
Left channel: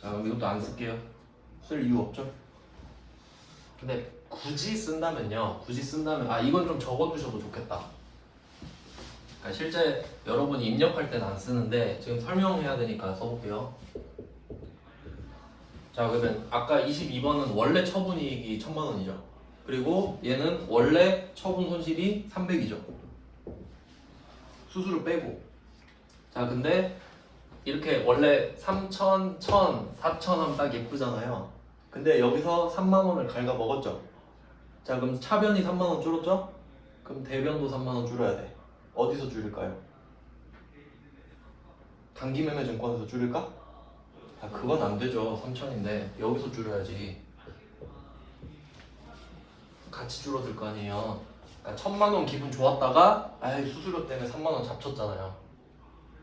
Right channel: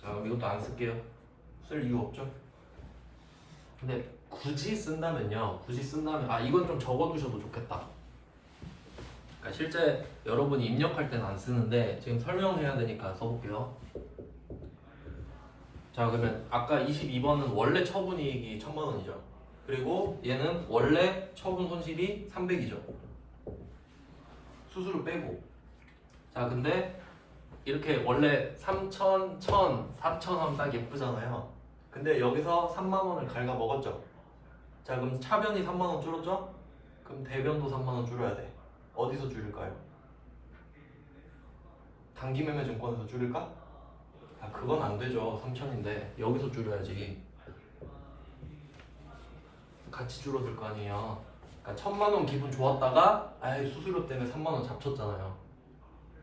자 그럼 이것도 안 쓸게요. 쓸 이유 없죠? 근데 굳이 쓴다면요. 이건 좀 적어두셔도 좋겠다. 그러니까 실제 여러분이 입력할 때는 안 쓰는데 지금 설명해야 되니까 써볼게요. 자 그러면 아까 22번은 원래 처분이익이 1,000만 원이죠. 그리고 얘는 원래 처분 손실이 300이죠. 수수료 빼고. 자 근데 이렇게 원래 3,000, 1,000, 4,000 하면 딱 예쁘잖아요. 근데 여기서 3만 원을 갉아 먹었죠. 자 그럼 차변이 3만 원 줄었죠? 그럼 대변도 3만 원 줄여야 돼. 어디서 줄일까요? 단기매매증권에서 줄일까? 야, 그건 안 되죠. 3,000인데 여기서 줄여야지. 같이 줄어들 거 아니에요. 1,000만 원 기분 좋았다가 아이 수수료 때문에 3만 원 잡쳤잖아요.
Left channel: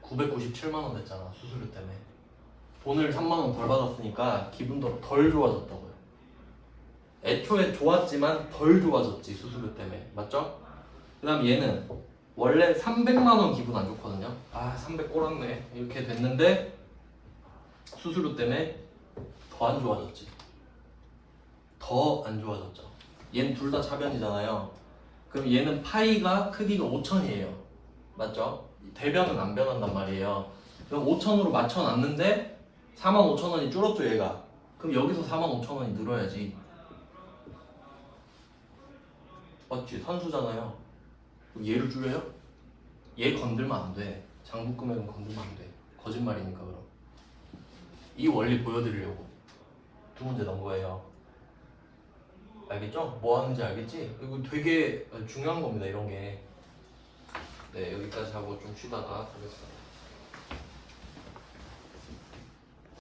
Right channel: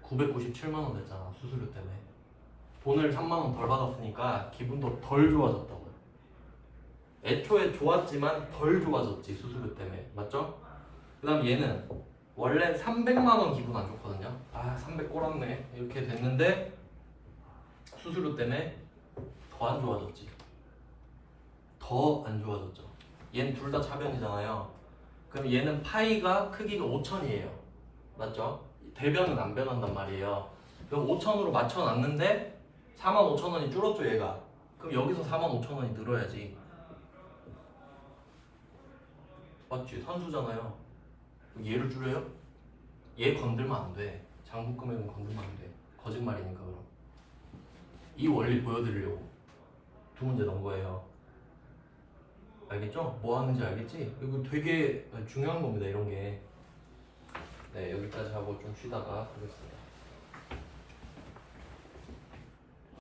997만 원 됐잖아 수수료 때문에. 돈을 3만 원 덜 받았으니까 기분도 덜 좋아졌다고요. 애초에 좋았지만 덜 좋아졌지 수수료 때문에. 맞죠? 그 다음 얘는 원래 300만 원 기분 안 좋거든요. 300 꼬랐네 이렇게 됐는데 수수료 때문에 더 안 좋아졌지. 더 안 좋아졌죠. 얘는 둘 다 차변이잖아요. 그럼 얘는 파이가 크기가 5천이에요. 맞죠? 대변은 안 변한단 말이에요. 그럼 5천으로 맞춰놨는데 45,000원이 줄었죠 얘가. 그럼 여기서 45,000원이 늘어야지. 맞지? 선수잖아요. 그럼 얘를 줄여요? 얘 건들면 안 돼. 장부 금액은 건들면 안 돼. 거짓말이니까 그럼. 이 원리 보여드리려고 두 문제 넣은 거예요. 알겠죠? 뭐 하는지 알겠지? 이거 되게 중요한 겁니다 이런 게. 네 여기까지 하고 좀 쉬다가 하겠습니다.